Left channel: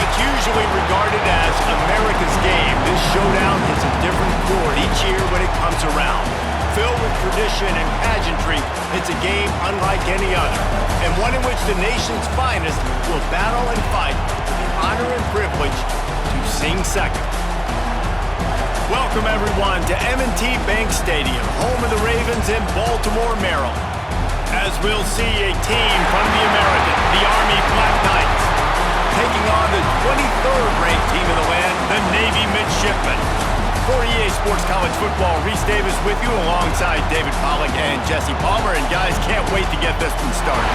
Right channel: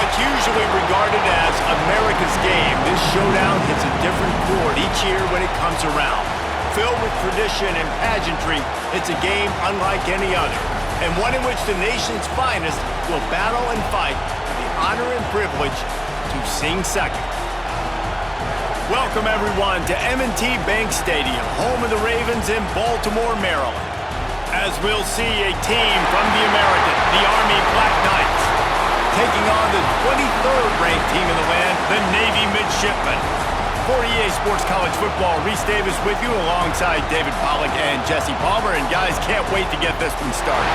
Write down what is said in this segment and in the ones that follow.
What's usually regarded as America's game, this showdown hits a different chord each year when it comes around. Filled with tradition and pageantry, it's a game unlike any other, and one in which the nation's finest will battle and fight for the honor and privilege to sing second. Welcome, everyone, to M&T Bank Stadium, home of the Ravens in Baltimore, Maryland. As we'll see a team from the American, the Army Black Knights, taking on the 23rd ranked team in the land, the Navy Midshipmen. For EA Sports College Football, Reese Davis with you alongside David Pollack and Jesse Palmer. And guys, can't wait to get this one started.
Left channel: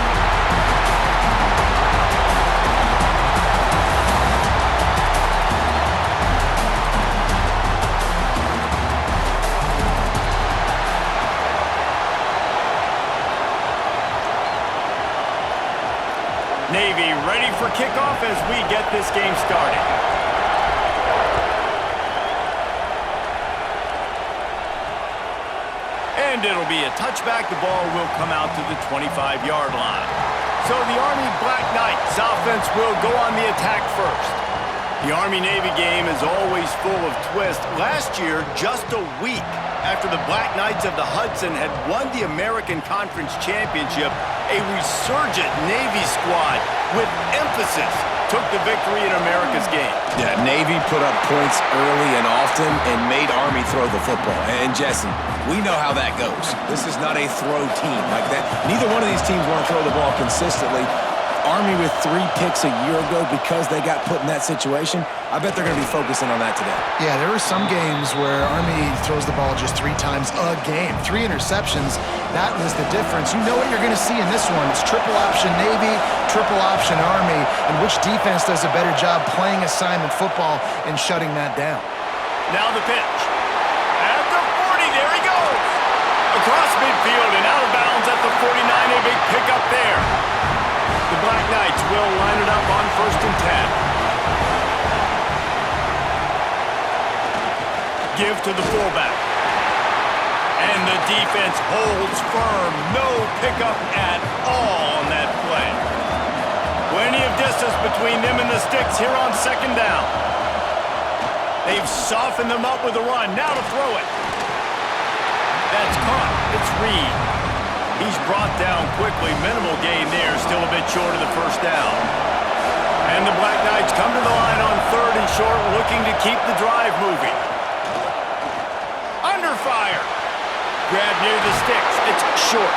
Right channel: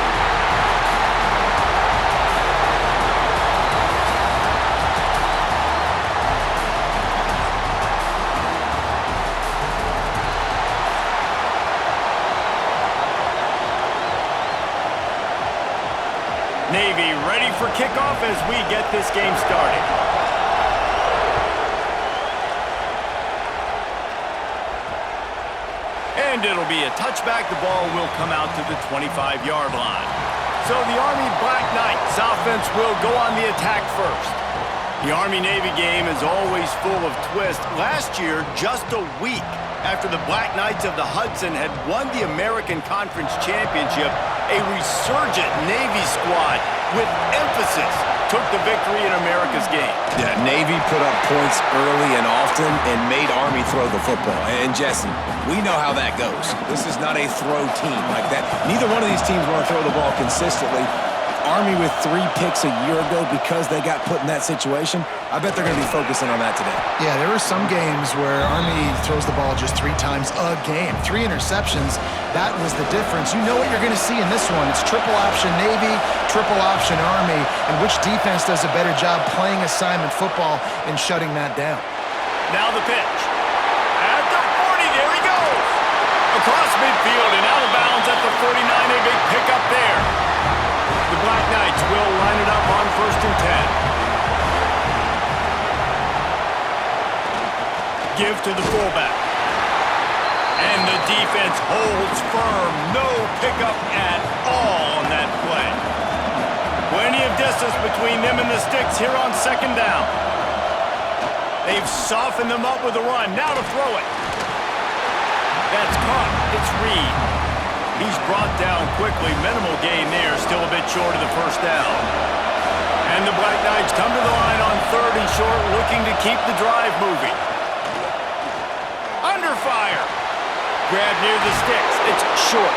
Navy ready for kickoff as we get this game started. And it'll be a touchback. The ball will come out to the 25-yard line. So the Army Black Knights offense will go on the attack first. The Army-Navy game is always full of twists. Last year, just a week after the Black Knights of the Hudson had won the American Conference Championship, a resurgent Navy squad with emphasis took the victory in America's game. Yeah, Navy put up points early and often and made Army throw the football. And Jesse, we know how that goes. This is not a throw team like that. Neither one of these teams want to throw the ball consistently. Army with 3 picks a year ago because they got put in that situation. I bet they're going to be focusing on that today. Yeah, there were some games where Army throws the ball just 3 times a game. 3 interceptions, that was the difference. You know what you're going to see in this one. It's triple option Navy, triple option Army, and which defense does a better job playing assignment football and shutting that down. Now the pitch. At the 40, there he goes. Across midfield and out of bounds at the 49, a big pickup there. The Black Knights will line it up on 1st and 10. Give to the fullback. And the defense holds firm. No pickup at all on that play. Plenty of distance between them and the sticks here on 2nd down. They've softened them up with a run. Now to throw it. That's caught. It's Reed. He's brought down quickly. Minimal gain there. Still a bit short of the 1st down. And the Black Knights come to the line on 3rd and short, looking to keep the drive moving. Under fire. Grab near the sticks. It's short.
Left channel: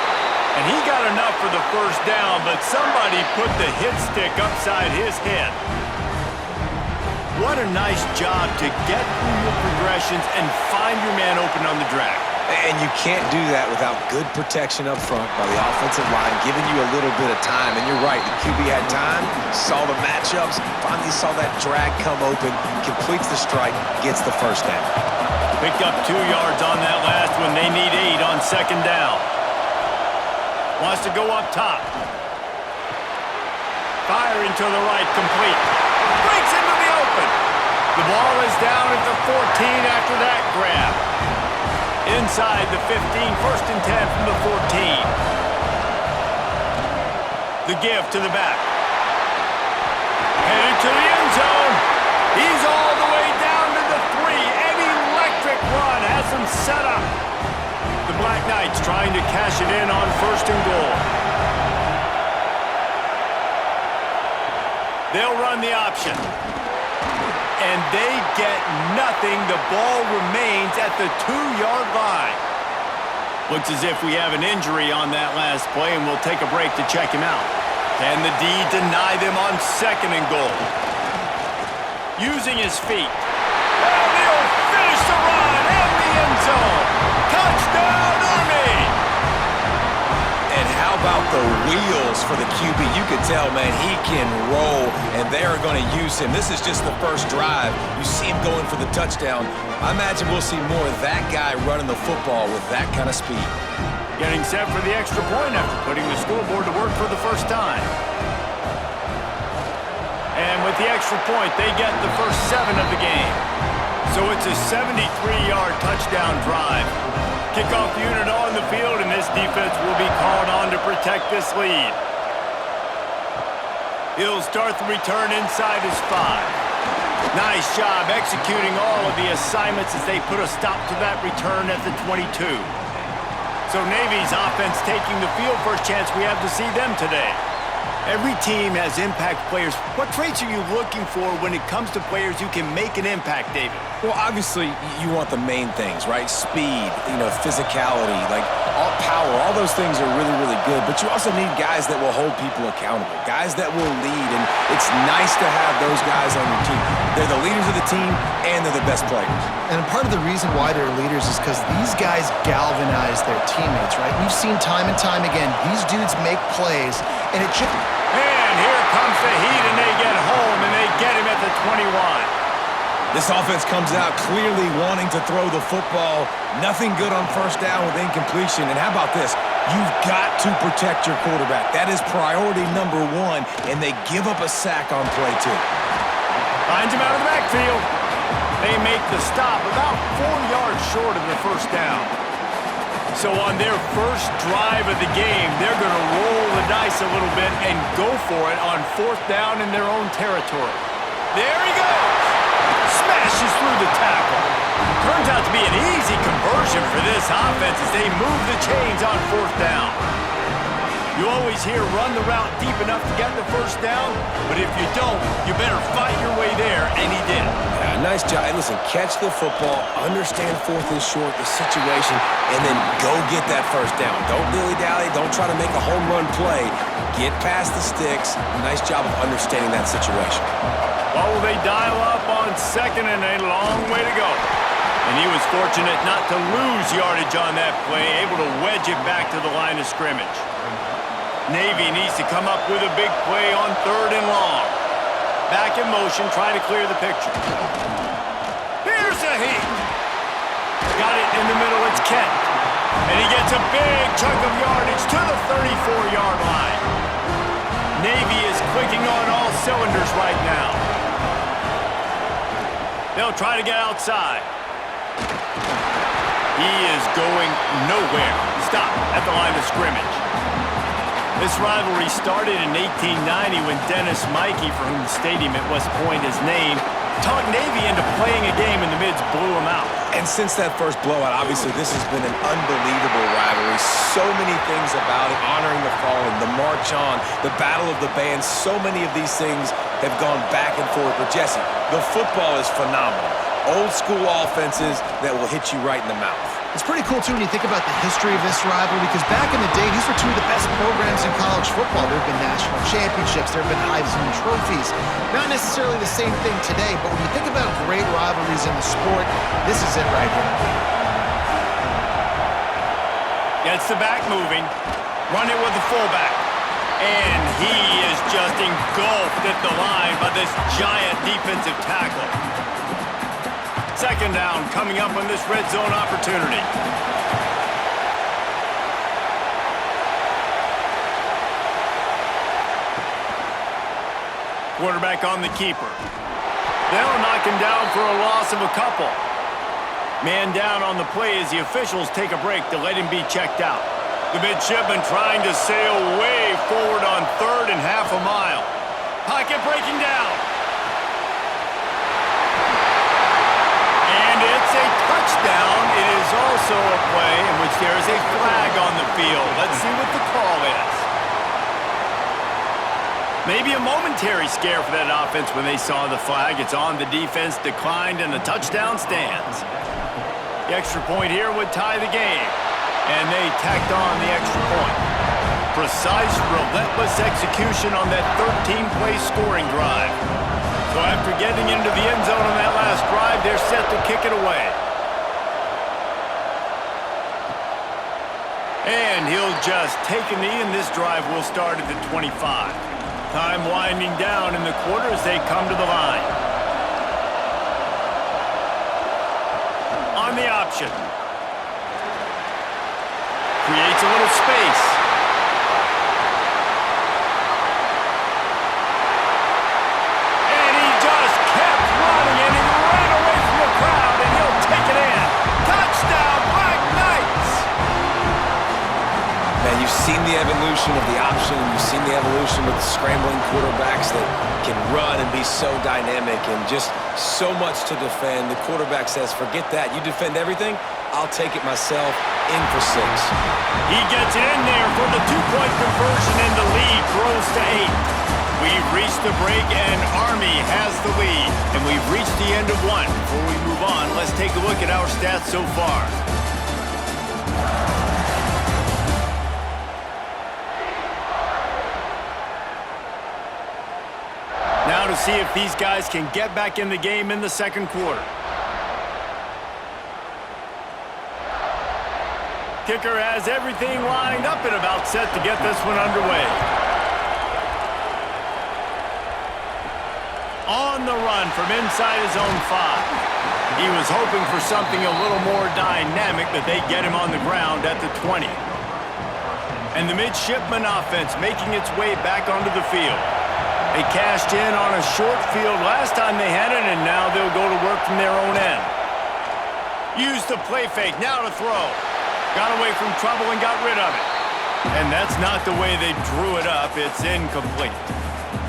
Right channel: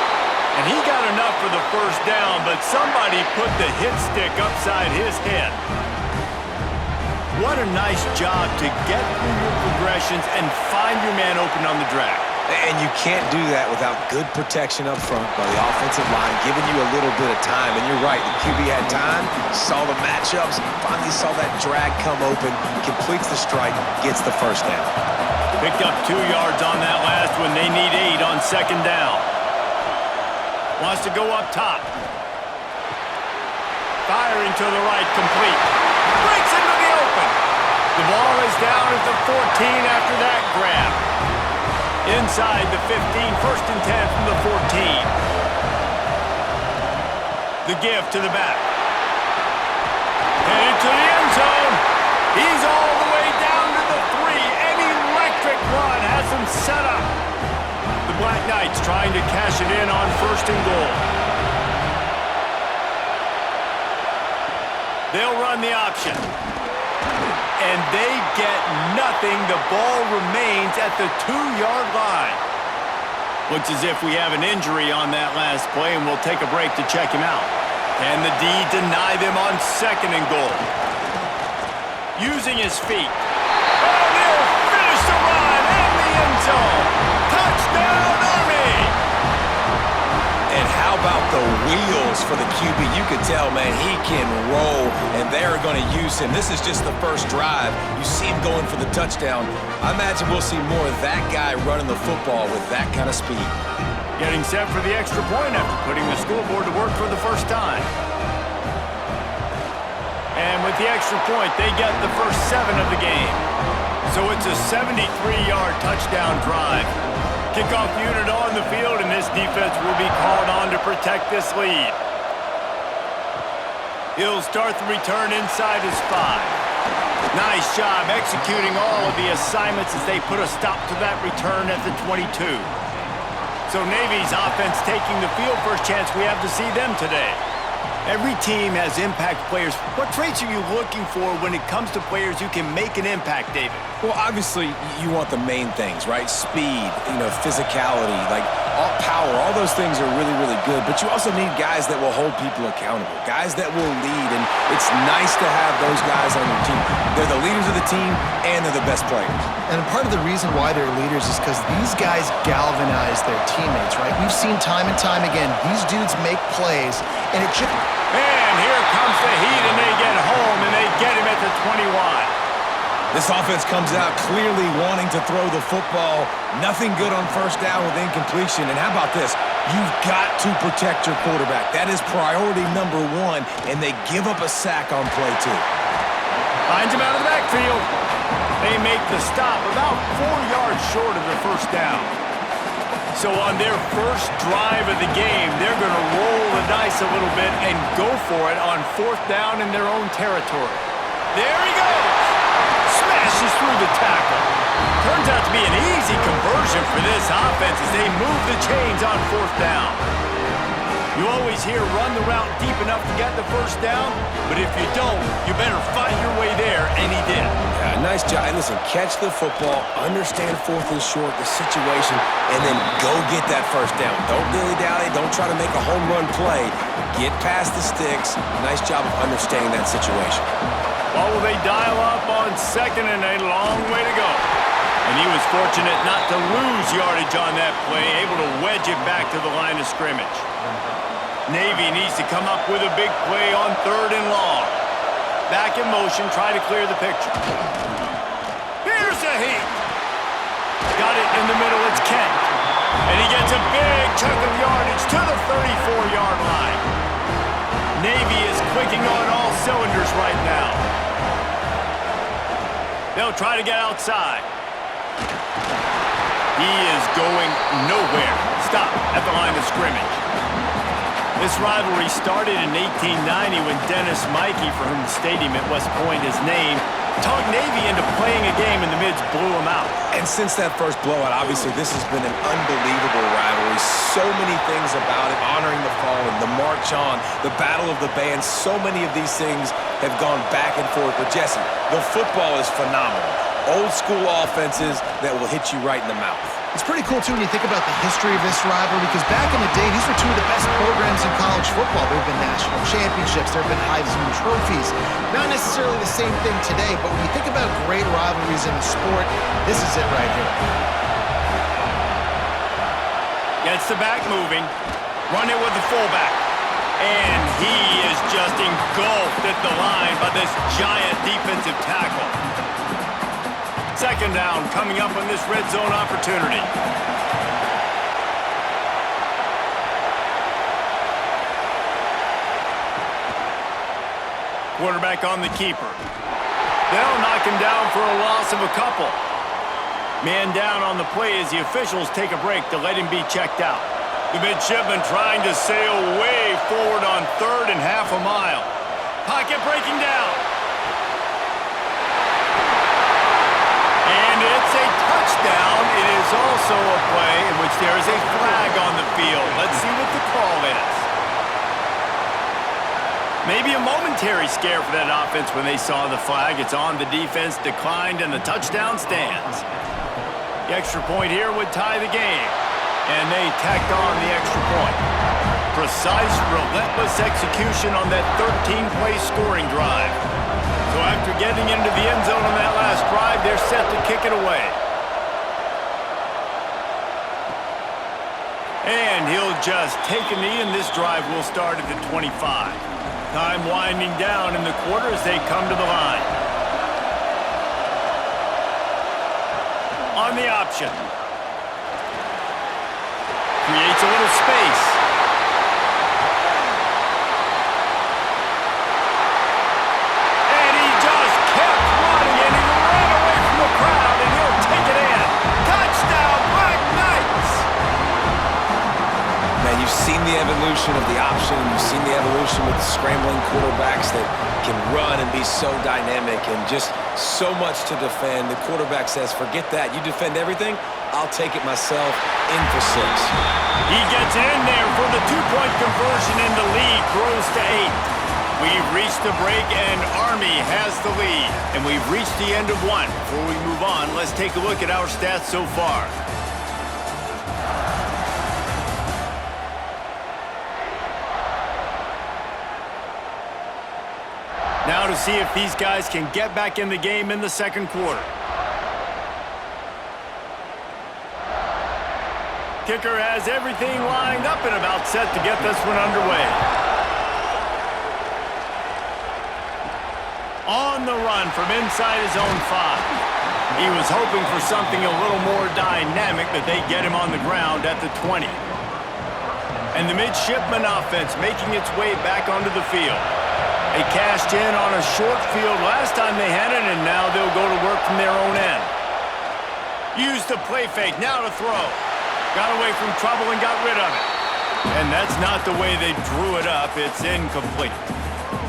And he got enough for the 1st down, but somebody put the hit stick upside his head. What a nice job to get through your progressions and find your man open on the drag. And you can't do that without good protection up front by the offensive line, giving you a little bit of time. And you're right, the QB had time, saw the matchups, finally saw that drag come open, completes the strike, gets the 1st down. Picked up 2 yards on that last one. They need 8 on 2nd down. Wants to go up top. Firing to the right, complete. Breaks into the open. The ball is down at the 14 after that grab. Inside the 15, 1st and 10 from the 14. The give to the back. Headed to the end zone. He's all the way down to the 3. An electric run has him set up. The Black Knights trying to cash it in on 1st and goal. They'll run the option. And they get nothing. The ball remains at the 2-yard line. Looks as if we have an injury on that last play, and we'll take a break to check him out. Can the D deny them on 2nd and goal? Using his feet. And he'll finish the run in the end zone. Touchdown, Army! And how about the wheels for the QB? You could tell, man, he can roll, and they're going to use him. This is just the 1st drive. You see him going for the touchdown. I imagine we'll see more of that guy running the football with that kind of speed. Getting set for the extra point after putting the scoreboard to work for the 1st time. And with the extra point, they get the first 7 of the game. So it's a 73-yard touchdown drive. Kickoff unit on the field, and this defense will be called on to protect this lead. He'll start the return inside his 5. Nice job executing all of the assignments as they put a stop to that return at the 22. So Navy's offense taking the field. First chance we have to see them today. Every team has impact players. What traits are you looking for when it comes to players who can make an impact, David? Well, obviously, you want the main things, right? Speed, physicality, all power. All those things are really, really good. But you also need guys that will hold people accountable, guys that will lead. And it's nice to have those guys on your team. They're the leaders of the team, and they're the best players. And part of the reason why they're leaders is because these guys galvanize their teammates, right? We've seen time and time again, these dudes make plays, and it just... And here comes the heat, and they get home, and they get him at the 21. This offense comes out clearly wanting to throw the football. Nothing good on first down with incompletion. And how about this? You've got to protect your quarterback. That is priority number 1, and they give up a sack on play 2. Finds him out of the backfield. They make the stop about 4 yards short of the first down. So on their first drive of the game, they're going to roll the dice a little bit and go for it on 4th down in their own territory. There he goes! Smashes through the tackle. Turns out to be an easy conversion for this offense as they move the chains on 4th down. You always hear run the route deep enough to get the first down, but if you don't, you better fight your way there, and he did. Yeah, nice job. Hey, listen, catch the football, understand 4th and short, the situation, and then go get that first down. Don't dilly-dally. Don't try to make a home run play. Get past the sticks. Nice job of understanding that situation. Well, they dial up on 2nd and a long way to go. And he was fortunate not to lose yardage on that play, able to wedge it back to the line of scrimmage. Navy needs to come up with a big play on 3rd and long. Back in motion, try to clear the picture. Here's the heat. Got it in the middle, it's Kent. And he gets a big chunk of yardage to the 34-yard line. Navy is clicking on all cylinders right now. They'll try to get outside. He is going nowhere. Stop at the line of scrimmage. This rivalry started in 1890 when Dennis Mikey, for whom the stadium at West Point is named, talked Navy into playing a game and the Mids blew him out. And since that first blowout, obviously, this has been an unbelievable rivalry. So many things about it, honoring the fallen, the march on, the battle of the bands. So many of these things have gone back and forth. But Jesse, the football is phenomenal. Old school offenses that will hit you right in the mouth. It's pretty cool, too, when you think about the history of this rivalry, because back in the day, these were two of the best programs in college football. There have been national championships. There have been Heisman trophies. Not necessarily the same thing today, but when you think about great rivalries in the sport, this is it right here. Gets the back moving. Run it with the fullback. And he is just engulfed at the line by this giant defensive tackle. 2nd down coming up on this red zone opportunity. Quarterback on the keeper. They'll knock him down for a loss of a couple. Man down on the play as the officials take a break to let him be checked out. The Midshipmen trying to sail way forward on 3rd and half a mile. Pocket breaking down. And it's a touchdown. It is also a play in which there is a flag on the field. Let's see what the call is. Maybe a momentary scare for that offense when they saw the flag. It's on, the defense declined, and the touchdown stands. The extra point here would tie the game. And they tacked on the extra point. Precise, relentless execution on that 13-play scoring drive. So after getting into the end zone on that last drive, they're set to kick it away. And he'll just take a knee, and this drive will start at the 25. Time winding down in the quarter as they come to the line. On the option. Creates a little space. And he just kept running, and he ran away from the crowd, and he'll take it in. Touchdown, Black Knights! Man, you've you've seen the evolution of the option, and you've seen the evolution with scrambling quarterbacks that can run and be so dynamic and just so much to defend. The quarterback says, forget that. You defend everything, I'll take it myself. In for 6. He gets it in there for the two-point conversion, and the lead grows to 8. We've reached the break, and Army has the lead. And we've reached the end of one. Before we move on, let's take a look at our stats so far. Now to see if these guys can get back in the game in the second quarter. Kicker has everything lined up and about set to get this one underway. On the run from inside his own 5. He was hoping for something a little more dynamic, but they get him on the ground at the 20. And the Midshipmen offense making its way back onto the field. They cashed in on a short field last time they had it, and now they'll go to work from their own end. Use the play fake, now to throw. Got away from trouble and got rid of it. And that's not the way they drew it up. It's incomplete.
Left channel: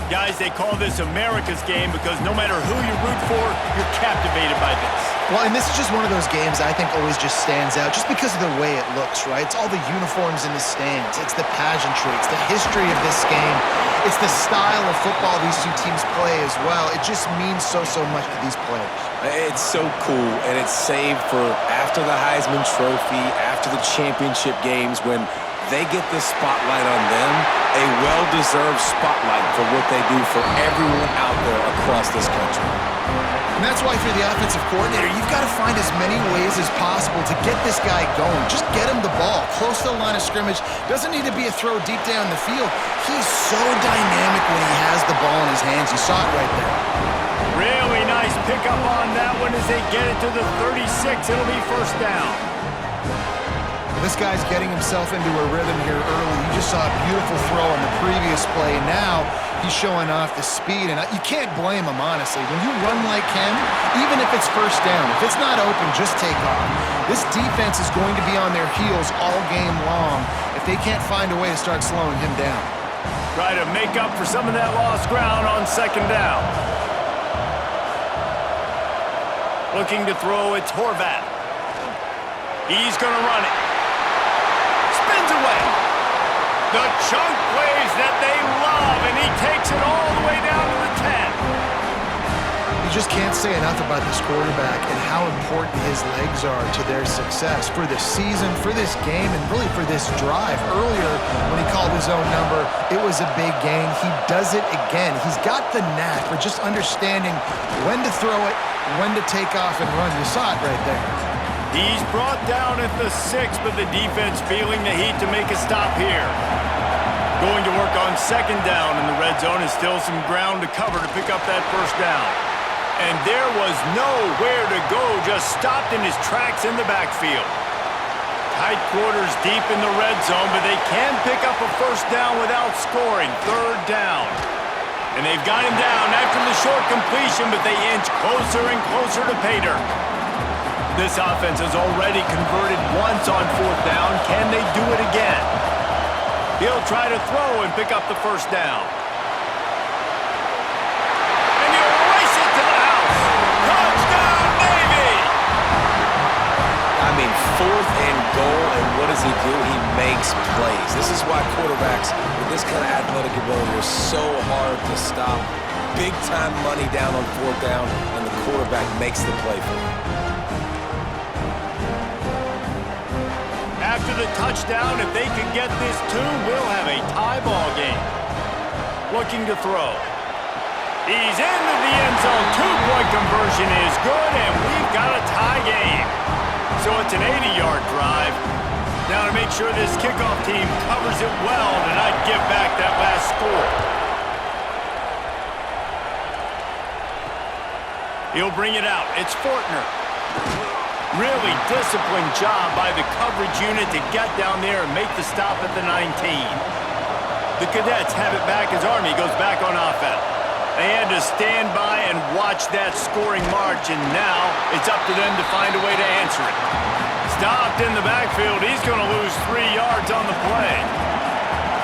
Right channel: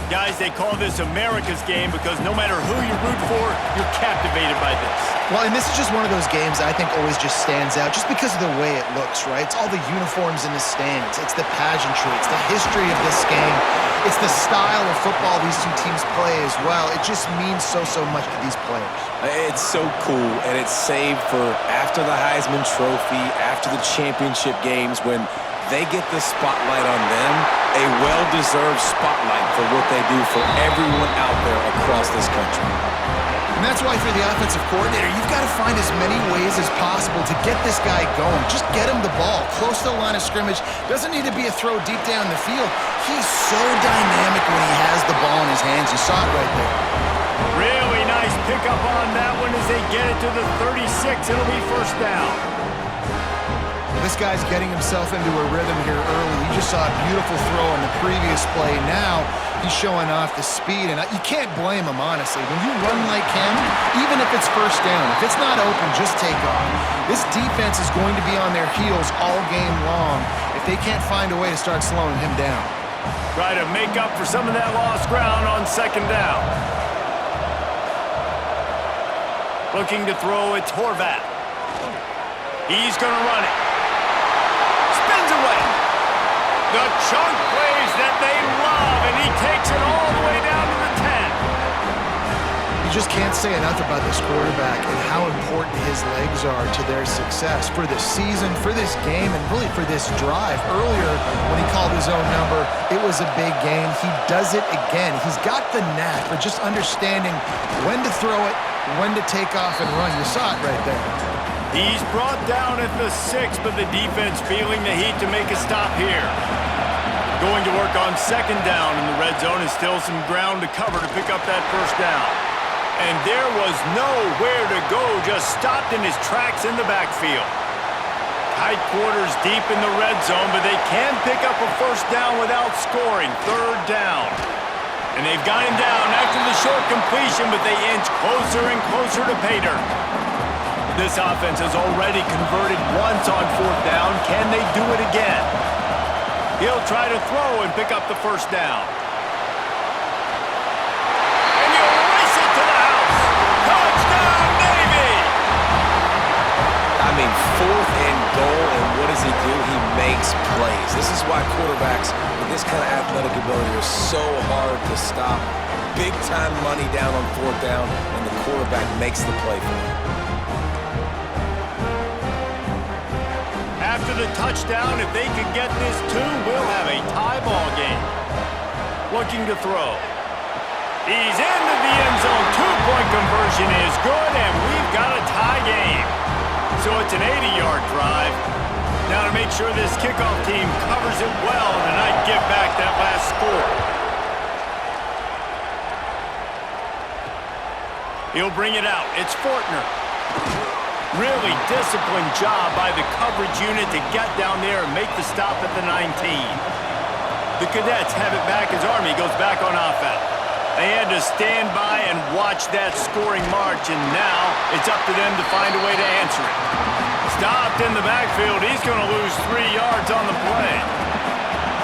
Guys, they call this America's game because no matter who you root for, you're captivated by this. Well, and this is just one of those games that I think always just stands out just because of the way it looks, right? It's all the uniforms in the stands. It's the pageantry. It's the history of this game. It's the style of football these two teams play as well. It just means so much to these players. It's so cool, and it's saved for after the Heisman Trophy, after the championship games, when they get the spotlight on them, a well-deserved spotlight for what they do for everyone out there across this country. And that's why for the offensive coordinator, you've got to find as many ways as possible to get this guy going. Just get him the ball close to the line of scrimmage. Doesn't need to be a throw deep down the field. He's so dynamic when he has the ball in his hands. You saw it right there. Really nice pickup on that one as they get it to the 36. It'll be first down. Well, this guy's getting himself into a rhythm here early. You just saw a beautiful throw in the previous play. Now he's showing off the speed, and you can't blame him, honestly. When you run like him, even if it's first down, if it's not open, just take off. This defense is going to be on their heels all game long if they can't find a way to start slowing him down. Try to make up for some of that lost ground on second down. Looking to throw, it's Horvath. He's going to run it. Spins away. The chunk plays that they love, and he takes it all the way down to the 10. You just can't say enough about this quarterback and how important his legs are to their success for this season, for this game, and really for this drive. Earlier, when he called his own number, it was a big gain. He does it again. He's got the knack for just understanding when to throw it, when to take off and run. You saw it right there. He's brought down at the 6, but the defense feeling the heat to make a stop here. Going to work on second down, and the red zone is still some ground to cover to pick up that first down. And there was nowhere to go, just stopped in his tracks in the backfield. Tight quarters deep in the red zone, but they can pick up a first down without scoring. Third down. And they've got him down after the short completion, but they inch closer and closer to pay dirt. This offense has already converted once on fourth down. Can they do it again? He'll try to throw and pick up the first down. And he'll race it to the house. Touchdown, Navy! I mean, fourth and goal, and what does he do? He makes plays. This is why quarterbacks with this kind of athletic ability are so hard to stop. Big-time money down on fourth down, and the quarterback makes the play for him. After the touchdown, if they can get this too, we'll have a tie ball game. Looking to throw. He's into the end zone. Two-point conversion is good, and we've got a tie game. So it's an 80-yard drive. Now to make sure this kickoff team covers it well to not give back that last score. He'll bring it out. It's Fortner. Really disciplined job by the coverage unit to get down there and make the stop at the 19. The Cadets have it back as Army goes back on offense. They had to stand by and watch that scoring march, and now it's up to them to find a way to answer it. Stopped in the backfield. He's going to lose 3 yards on the play.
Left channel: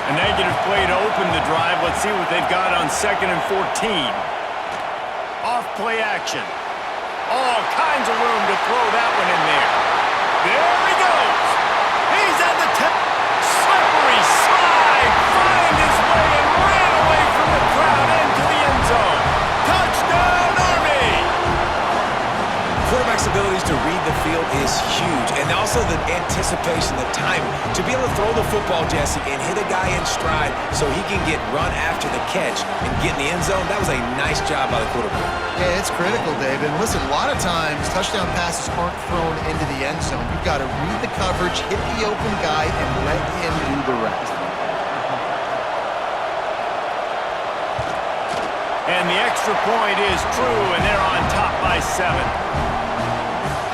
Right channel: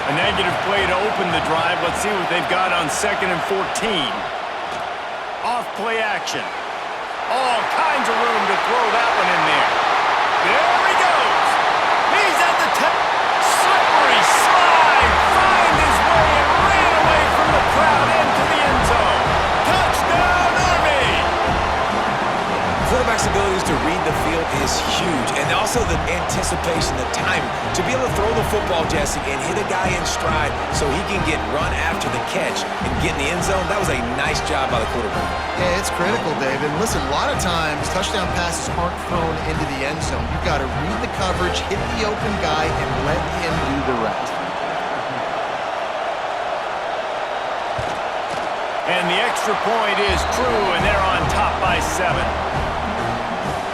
A negative play to open the drive. Let's see what they've got on 2nd and 14. Off play action. All kinds of room to throw that one in there. There he goes. He's at the 10. Slippery slide. Find his way and ran away from the crowd into the end zone. Touchdown, Army! Quarterback's abilities to read the field is huge, and also the anticipation, the timing. To be able to throw the football, Jesse, and hit a guy in stride so he can get run after the catch and get in the end zone, that was a nice job by the quarterback. Yeah, it's critical, David. And listen, a lot of times touchdown passes aren't thrown into the end zone. You've got to read the coverage, hit the open guy, and let him do the rest. And the extra point is true, and they're on top by 7.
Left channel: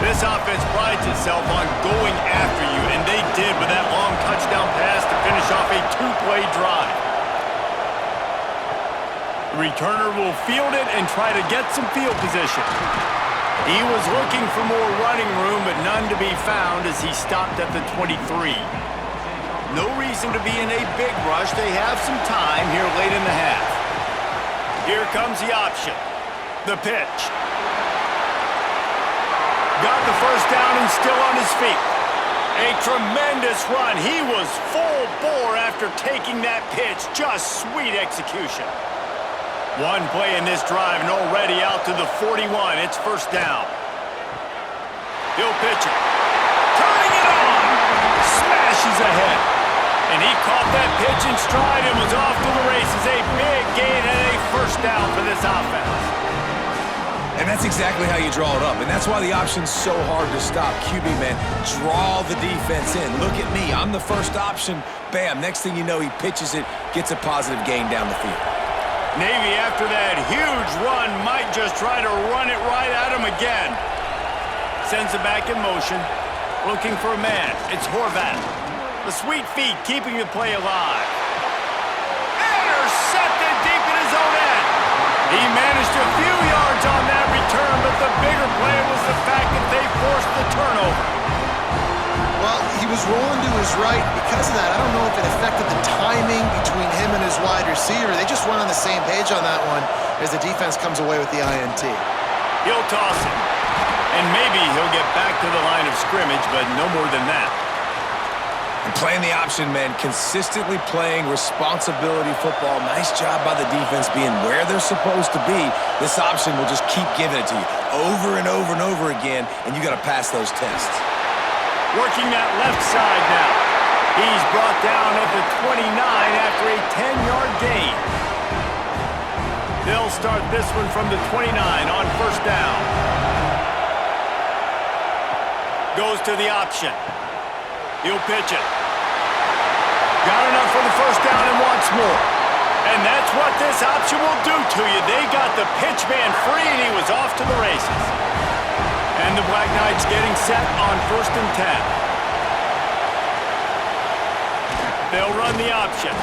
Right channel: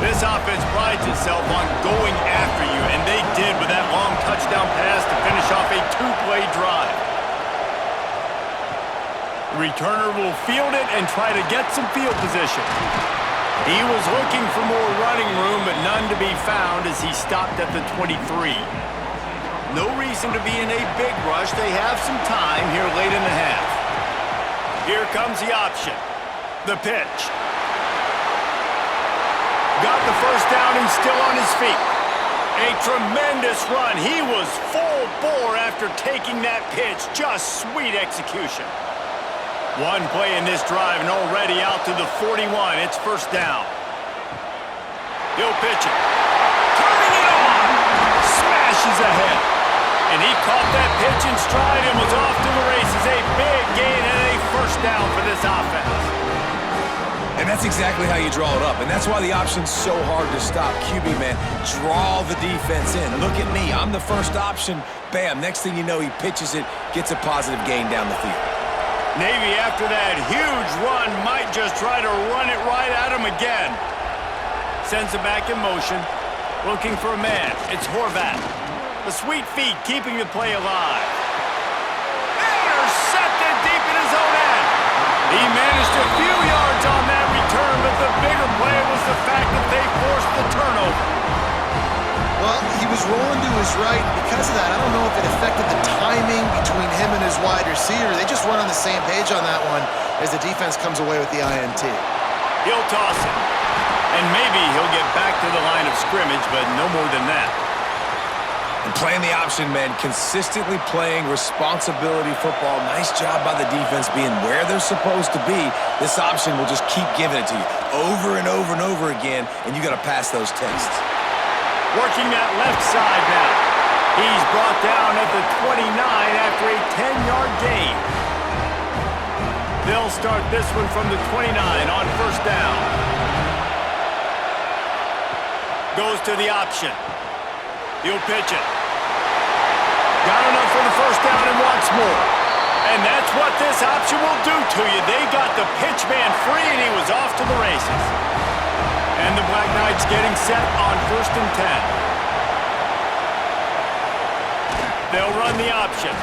This offense prides itself on going after you, and they did with that long touchdown pass to finish off a 2-play drive. The returner will field it and try to get some field position. He was looking for more running room, but none to be found as he stopped at the 23. No reason to be in a big rush. They have some time here late in the half. Here comes the option. The pitch. Got the first down and still on his feet. A tremendous run. He was full bore after taking that pitch. Just sweet execution. One play in this drive and already out to the 41. It's first down. He'll pitch it. Turning it on. Smashes ahead. And he caught that pitch in stride and was off to the races. A big gain and a first down for this offense. And that's exactly how you draw it up. And that's why the option's so hard to stop. QB, man, draw the defense in. Look at me. I'm the first option. Bam. Next thing you know, he pitches it, gets a positive gain down the field. Navy, after that huge run, might just try to run it right at him again. Sends it back in motion. Looking for a man. It's Horvat. The sweet feet keeping the play alive. Intercepted deep in his own end. He managed a few yards on that return, but the bigger play was the fact that they forced the turnover. Well, he was rolling to his right. Because of that, I don't know if it affected the timing between him and his wide receiver. They just weren't on the same page on that one as the defense comes away with the INT. He'll toss it. And maybe he'll get back to the line of scrimmage, but no more than that. And playing the option, man, consistently playing responsibility football. Nice job by the defense being where they're supposed to be. This option will just keep giving it to you over and over and over again, and you got to pass those tests. Working that left side now. He's brought down at the 29 after a 10-yard gain. They'll start this one from the 29 on first down. Goes to the option. He'll pitch it. Got enough for the first down and wants more. And that's what this option will do to you. They got the pitch man free, and he was off to the races. And the Black Knights getting set on 1st and 10. They'll run the option.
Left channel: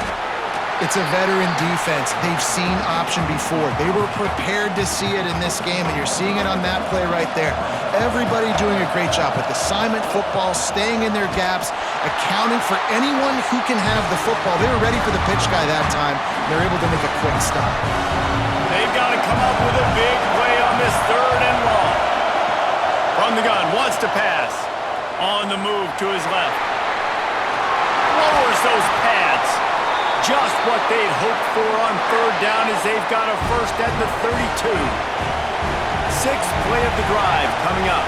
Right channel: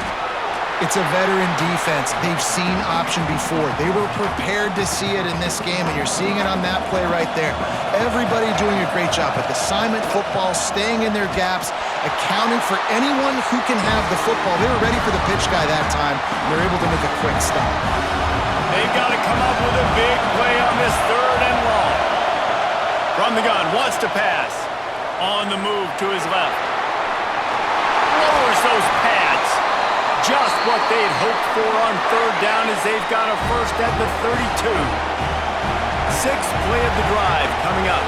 It's a veteran defense. They've seen option before. They were prepared to see it in this game, and you're seeing it on that play right there. Everybody doing a great job with assignment football, staying in their gaps, accounting for anyone who can have the football. They were ready for the pitch guy that time, and they're able to make a quick stop. They've got to come up with a big play on this 3rd and long. From the gun, wants to pass. On the move to his left. Lowers those pads. Just what they'd hoped for on 3rd down as they've got a first at the 32. 6th play of the drive coming up.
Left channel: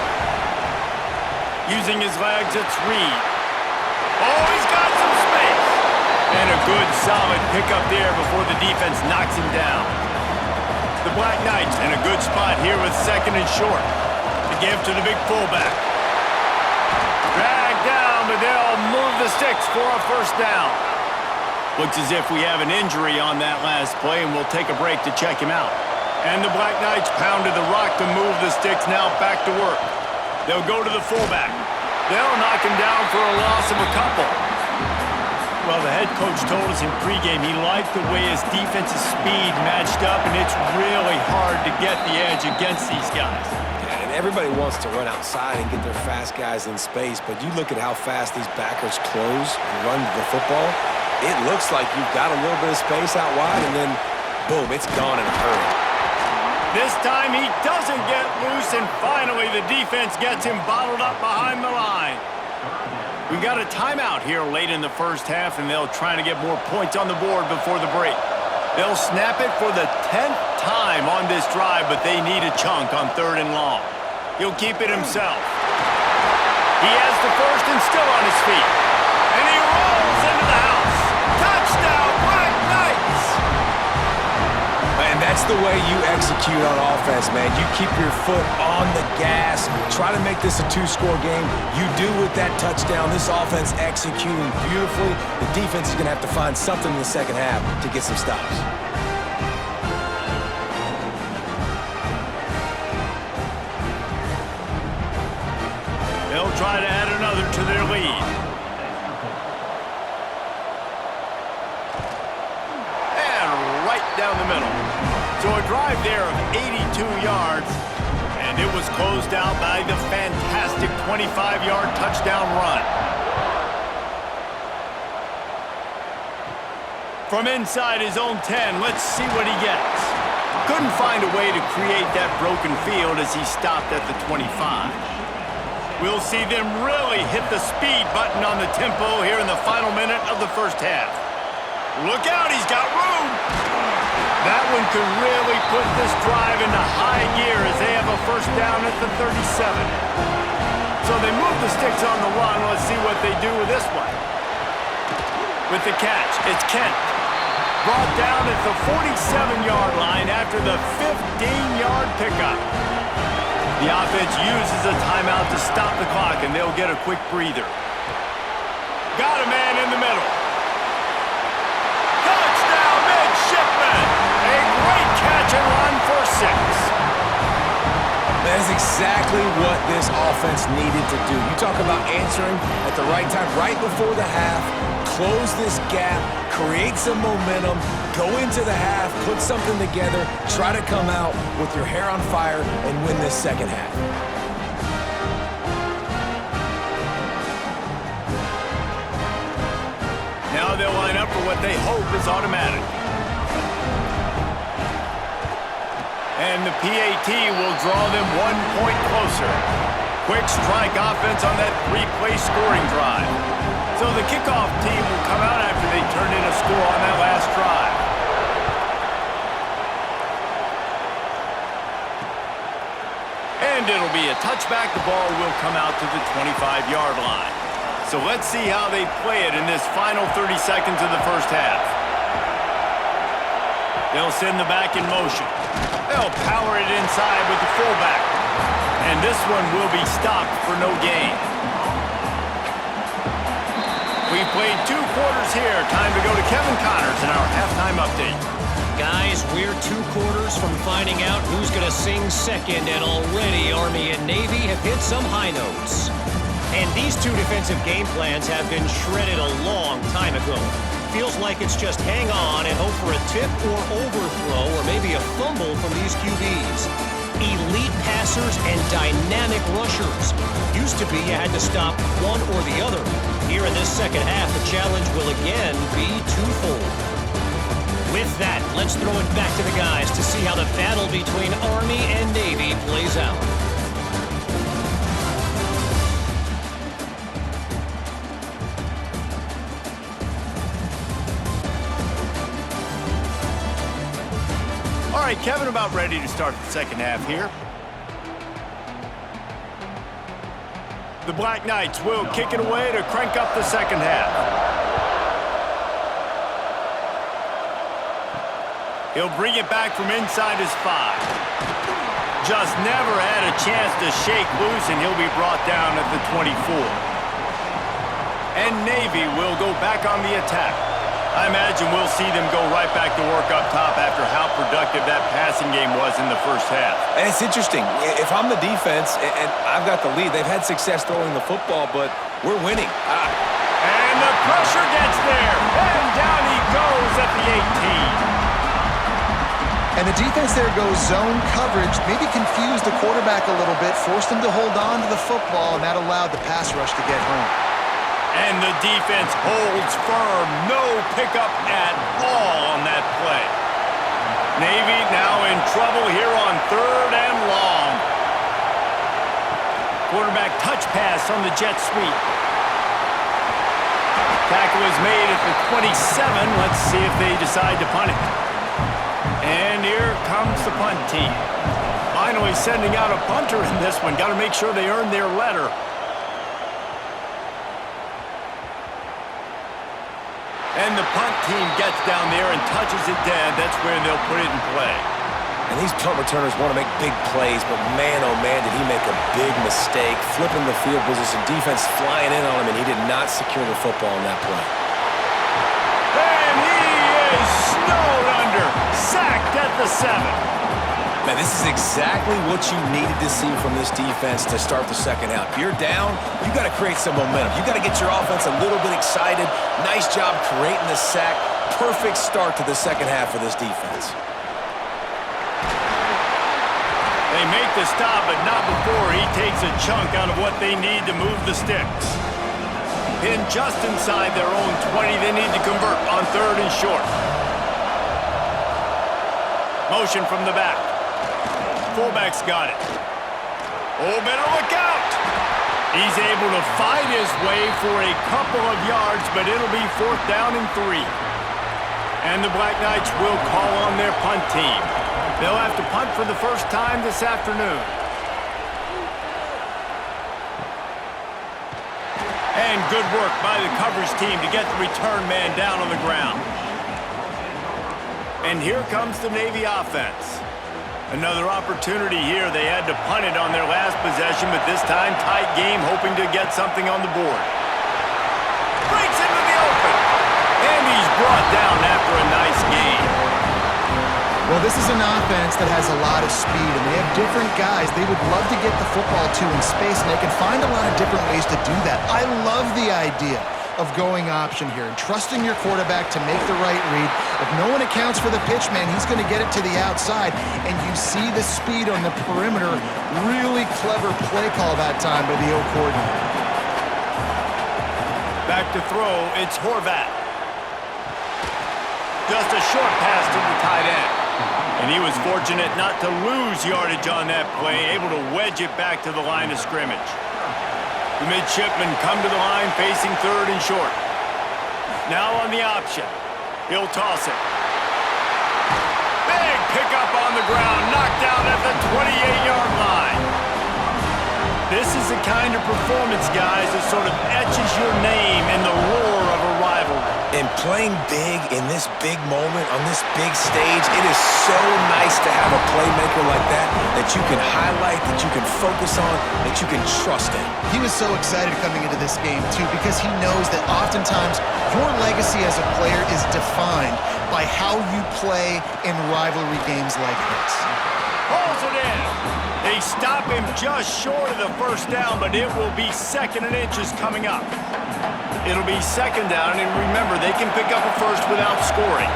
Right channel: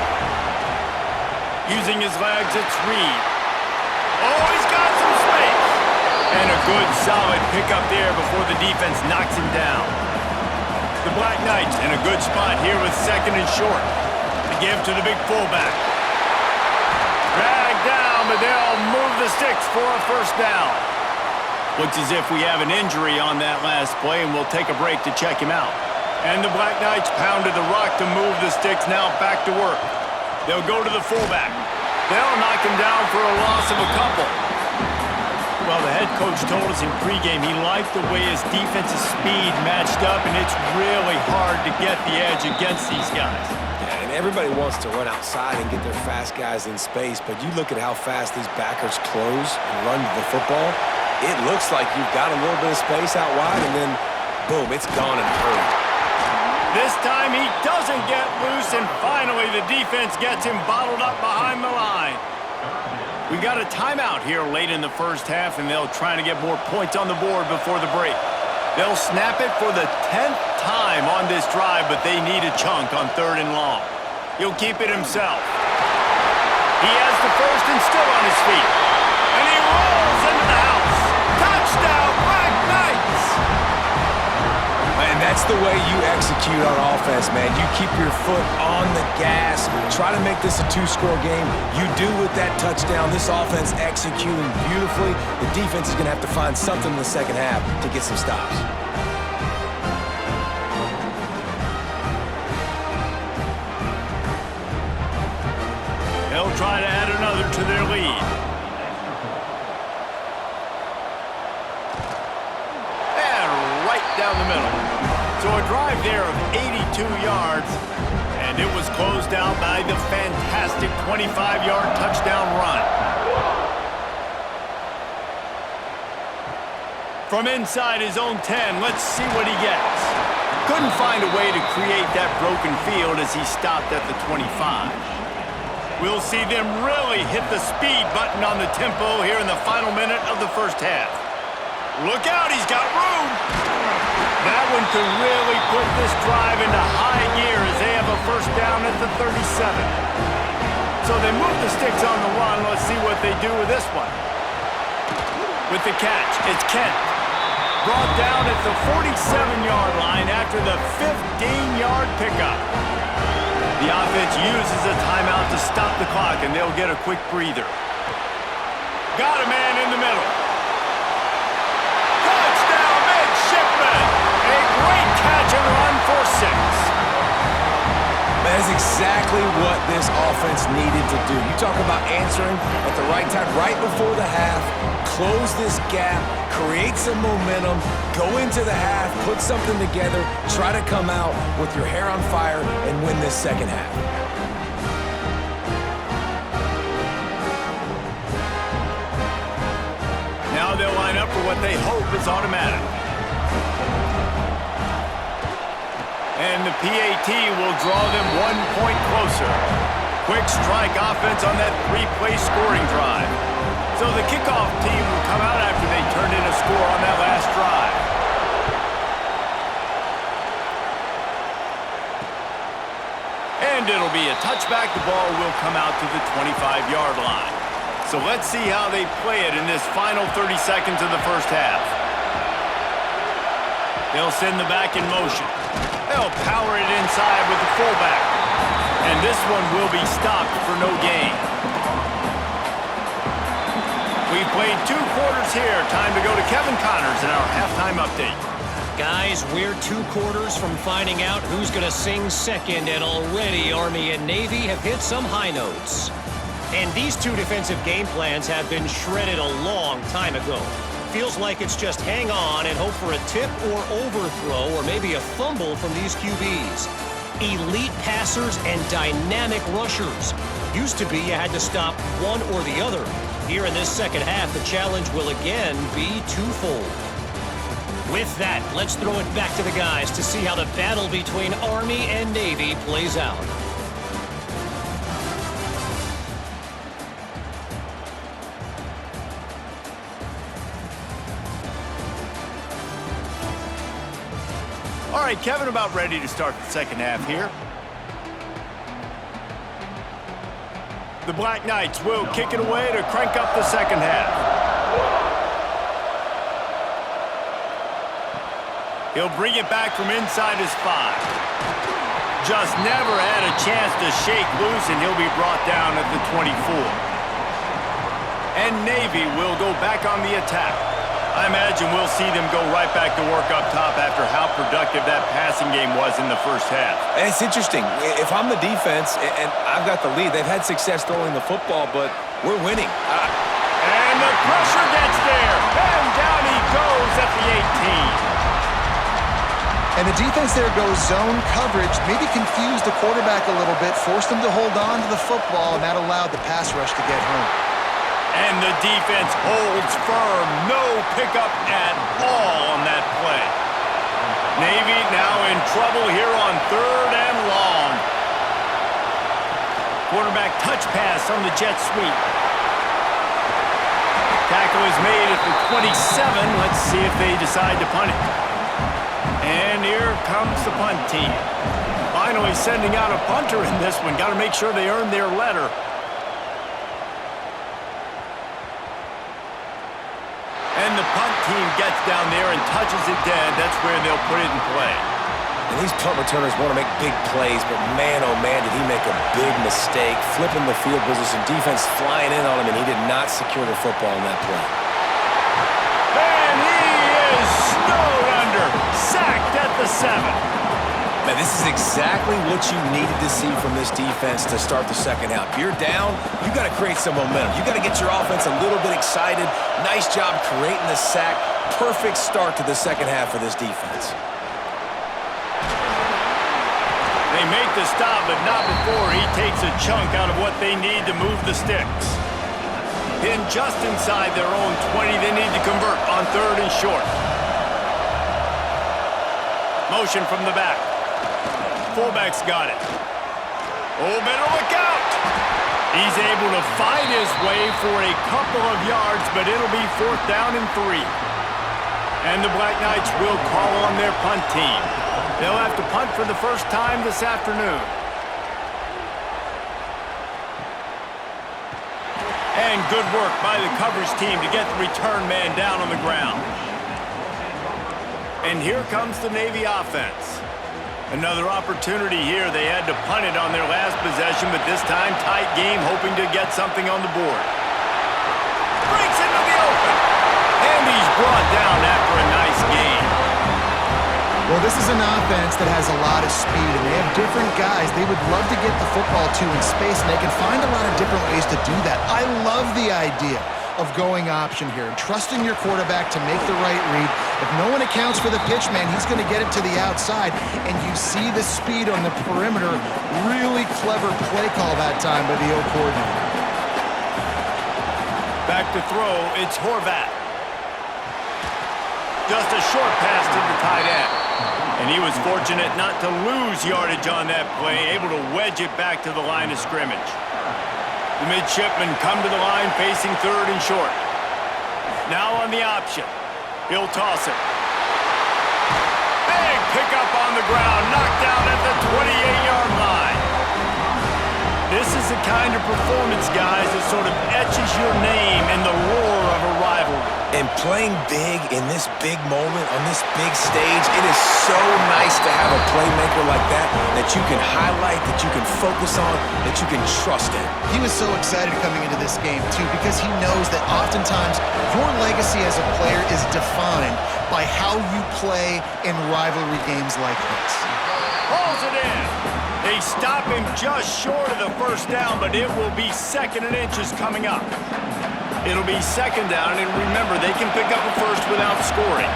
Using his legs, it's Reed. Oh, he's got some space. And a good solid pickup there before the defense knocks him down. The Black Knights in a good spot here with 2nd and short. To give to the big fullback. Dragged down, but they'll move the sticks for a first down. Looks as if we have an injury on that last play, and we'll take a break to check him out. And the Black Knights pounded the rock to move the sticks, now back to work. They'll go to the fullback. They'll knock him down for a loss of a couple. Well, the head coach told us in pregame he liked the way his defensive speed matched up, and it's really hard to get the edge against these guys. Yeah, and everybody wants to run outside and get their fast guys in space, but you look at how fast these backers close and run the football. it looks like you've got a little bit of space out wide, and then, boom, it's gone in a hurry. This time he doesn't get loose, and finally the defense gets him bottled up behind the line. We got a timeout here late in the first half, and they'll try to get more points on the board before the break. They'll snap it for the 10th time on this drive, but they need a chunk on 3rd and long. He'll keep it himself. He has the first and still on his feet. And he rolls into the house. Touchdown, Black Knights! And that's the way you execute on offense, man. You keep your foot on the gas. Try to make this a 2-score game. You do with that touchdown. This offense executing beautifully. The defense is going to have to find something in the second half to get some stops. They'll try to add another to their lead. And right down the middle. So a drive there of 82 yards, and it was closed out by the fantastic 25-yard touchdown run. From inside his own 10, let's see what he gets. Couldn't find a way to create that broken field as he stopped at the 25. We'll see them really hit the speed button on the tempo here in the final minute of the first half. Look out, he's got room! That one could really put this drive into high gear as they have a first down at the 37. So they move the sticks on the run. Let's see what they do with this one. With the catch, it's Kent. Brought down at the 47-yard line after the 15-yard pickup. The offense uses a timeout to stop the clock, and they'll get a quick breather. Got a man in the middle. Touchdown, Midshipmen! A great catch and run for 6. That is exactly what this offense needed to do. You talk about answering at the right time, right before the half, close this gap, create some momentum, go into the half, put something together, try to come out with your hair on fire and win this second half. Now they'll line up for what they hope is automatic. And the PAT will draw them 1 point closer. Quick strike offense on that 3-play scoring drive. So the kickoff team will come out after they turned in a score on that last drive. And it'll be a touchback. The ball will come out to the 25-yard line. So let's see how they play it in this final 30 seconds of the first half. They'll send the back in motion. They'll power it inside with the fullback. And this one will be stopped for no gain. We've played 2 quarters here. Time to go to Kevin Connors in our halftime update. Guys, we're 2 quarters from finding out who's going to sing second, and already Army and Navy have hit some high notes. And these 2 defensive game plans have been shredded a long time ago. Feels like it's just hang on and hope for a tip or overthrow or maybe a fumble from these QBs. Elite passers and dynamic rushers. Used to be you had to stop one or the other. Here in this second half, the challenge will again be twofold. With that, let's throw it back to the guys to see how the battle between Army and Navy plays out. All right, Kevin, about ready to start the second half here. The Black Knights will kick it away to crank up the second half. He'll bring it back from inside his 5. Just never had a chance to shake loose, and he'll be brought down at the 24. And Navy will go back on the attack. I imagine we'll see them go right back to work up top after how productive that passing game was in the first half. And it's interesting. If I'm the defense and I've got the lead, they've had success throwing the football, but we're winning. And the pressure gets there. And down he goes at the 18. And the defense there goes zone coverage, maybe confused the quarterback a little bit, forced him to hold on to the football, and that allowed the pass rush to get home. And the defense holds firm. No pickup at all on that play. Navy now in trouble here on 3rd and long. Quarterback touch pass on the jet sweep. Tackle is made at the 27. Let's see if they decide to punt it. And here comes the punt team. Finally sending out a punter in this one. Got to make sure they earn their letter. And the punt team gets down there and touches it dead. That's where they'll put it in play. And these punt returners want to make big plays, but man, oh man, did he make a big mistake. Flipping the field position, defense flying in on him, and he did not secure the football in that play. And he is snowed under. Sacked at the 7. Man, this is exactly what you needed to see from this defense to start the second half. If you're down, you got to create some momentum. You got to get your offense a little bit excited. Nice job creating the sack. Perfect start to the second half of this defense. They make the stop, but not before he takes a chunk out of what they need to move the sticks. Pinned just inside their own 20, they need to convert on 3rd and short. Motion from the back. Fullback's got it. Oh, better look out! He's able to fight his way for a couple of yards, but it'll be 4th down and 3. And the Black Knights will call on their punt team. They'll have to punt for the first time this afternoon. And good work by the coverage team to get the return man down on the ground. And here comes the Navy offense. Another opportunity here. They had to punt it on their last possession, but this time tight game, hoping to get something on the board. Breaks into the open. And he's brought down after a nice game. Well, this is an offense that has a lot of speed, and they have different guys they would love to get the football to in space, and they can find a lot of different ways to do that. I love the idea of going option here and trusting your quarterback to make the right read. If no one accounts for the pitch man, he's going to get it to the outside, and you see the speed on the perimeter. Really clever play call that time by the O coordinator. Back to throw, it's Horvat. Just a short pass to the tight end. And he was fortunate not to lose yardage on that play, able to wedge it back to the line of scrimmage. The Midshipmen come to the line facing 3rd and short. Now on the option. He'll toss it. Big pickup on the ground, knocked out at the 28-yard line. This is the kind of performance, guys, that sort of etches your name in the roar of a rivalry. And playing big in this big moment, on this big stage, it is so nice to have a playmaker like that you can highlight, that you can focus on, that you can trust in. He was so excited coming into this game, too, because he knows that oftentimes your legacy as a player is defined by how you play in rivalry games like this. Pulls it in. They stop him just short of the first down, but it will be 2nd and inches coming up. It'll be 2nd down, and remember, they can pick up a first without scoring.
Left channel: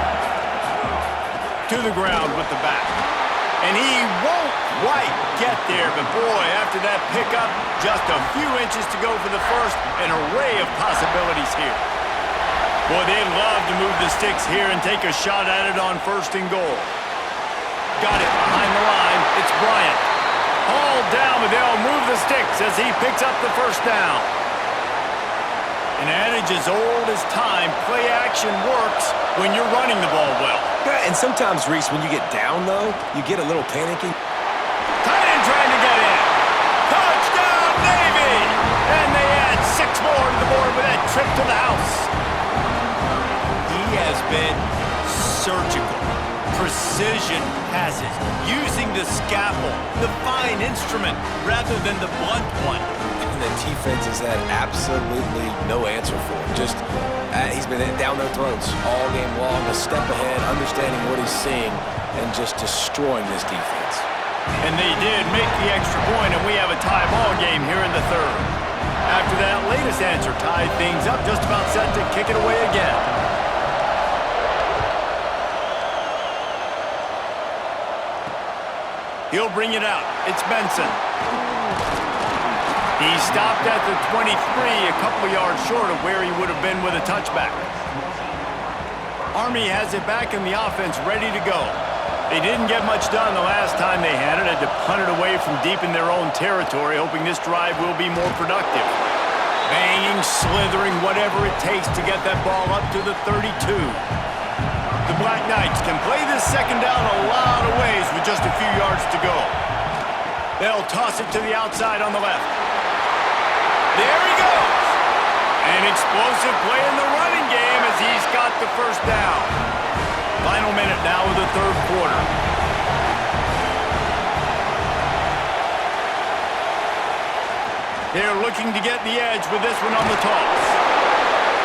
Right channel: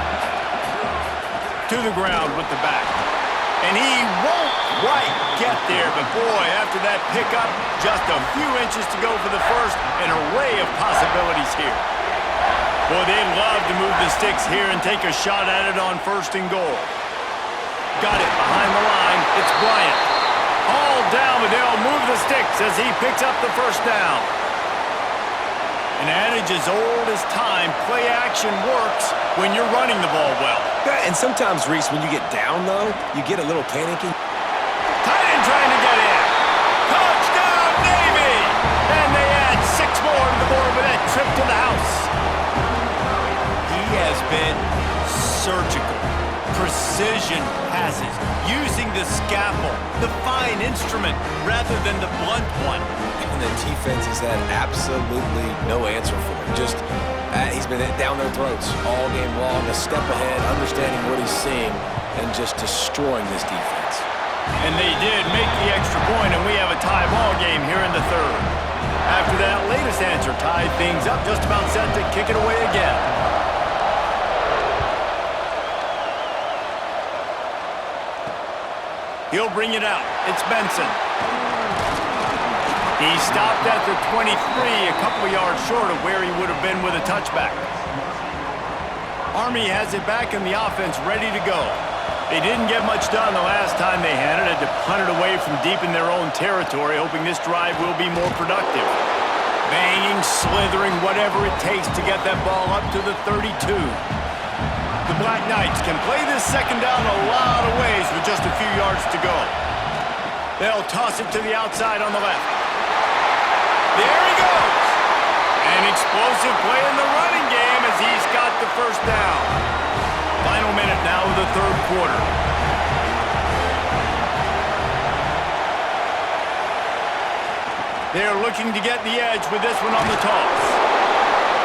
To the ground with the back. And he won't quite get there, but boy, after that pickup, just a few inches to go for the first, an array of possibilities here. Boy, they'd love to move the sticks here and take a shot at it on 1st and goal. Got it behind the line. It's Bryant. All down, but they'll move the sticks as he picks up the first down. An adage as old as time, play action works when you're running the ball well. Yeah, and sometimes, Reese, when you get down, though, you get a little panicky. Tight end trying to get in. Touchdown, Navy! And they add 6 more to the board with that trip to the house. He has been surgical. Precision passes, using the scalpel, the fine instrument, rather than the blunt one. And the defense has had absolutely no answer for him. Just, he's been down their throats all game long, a step ahead, understanding what he's seeing, and just destroying this defense. And they did make the extra point, and we have a tie ball game here in the 3rd. After that latest answer tied things up, just about set to kick it away again. He'll bring it out. It's Benson. He stopped at the 23, a couple of yards short of where he would have been with a touchback. Army has it back in the offense, ready to go. They didn't get much done the last time they had it. Had to punt it away from deep in their own territory, hoping this drive will be more productive. Banging, slithering, whatever it takes to get that ball up to the 32. The Black Knights can play this second down a lot of ways with just a few yards to go. They'll toss it to the outside on the left. There he goes! An explosive play in the running game as he's got the first down. Final minute now of the third quarter. They're looking to get the edge with this one on the toss.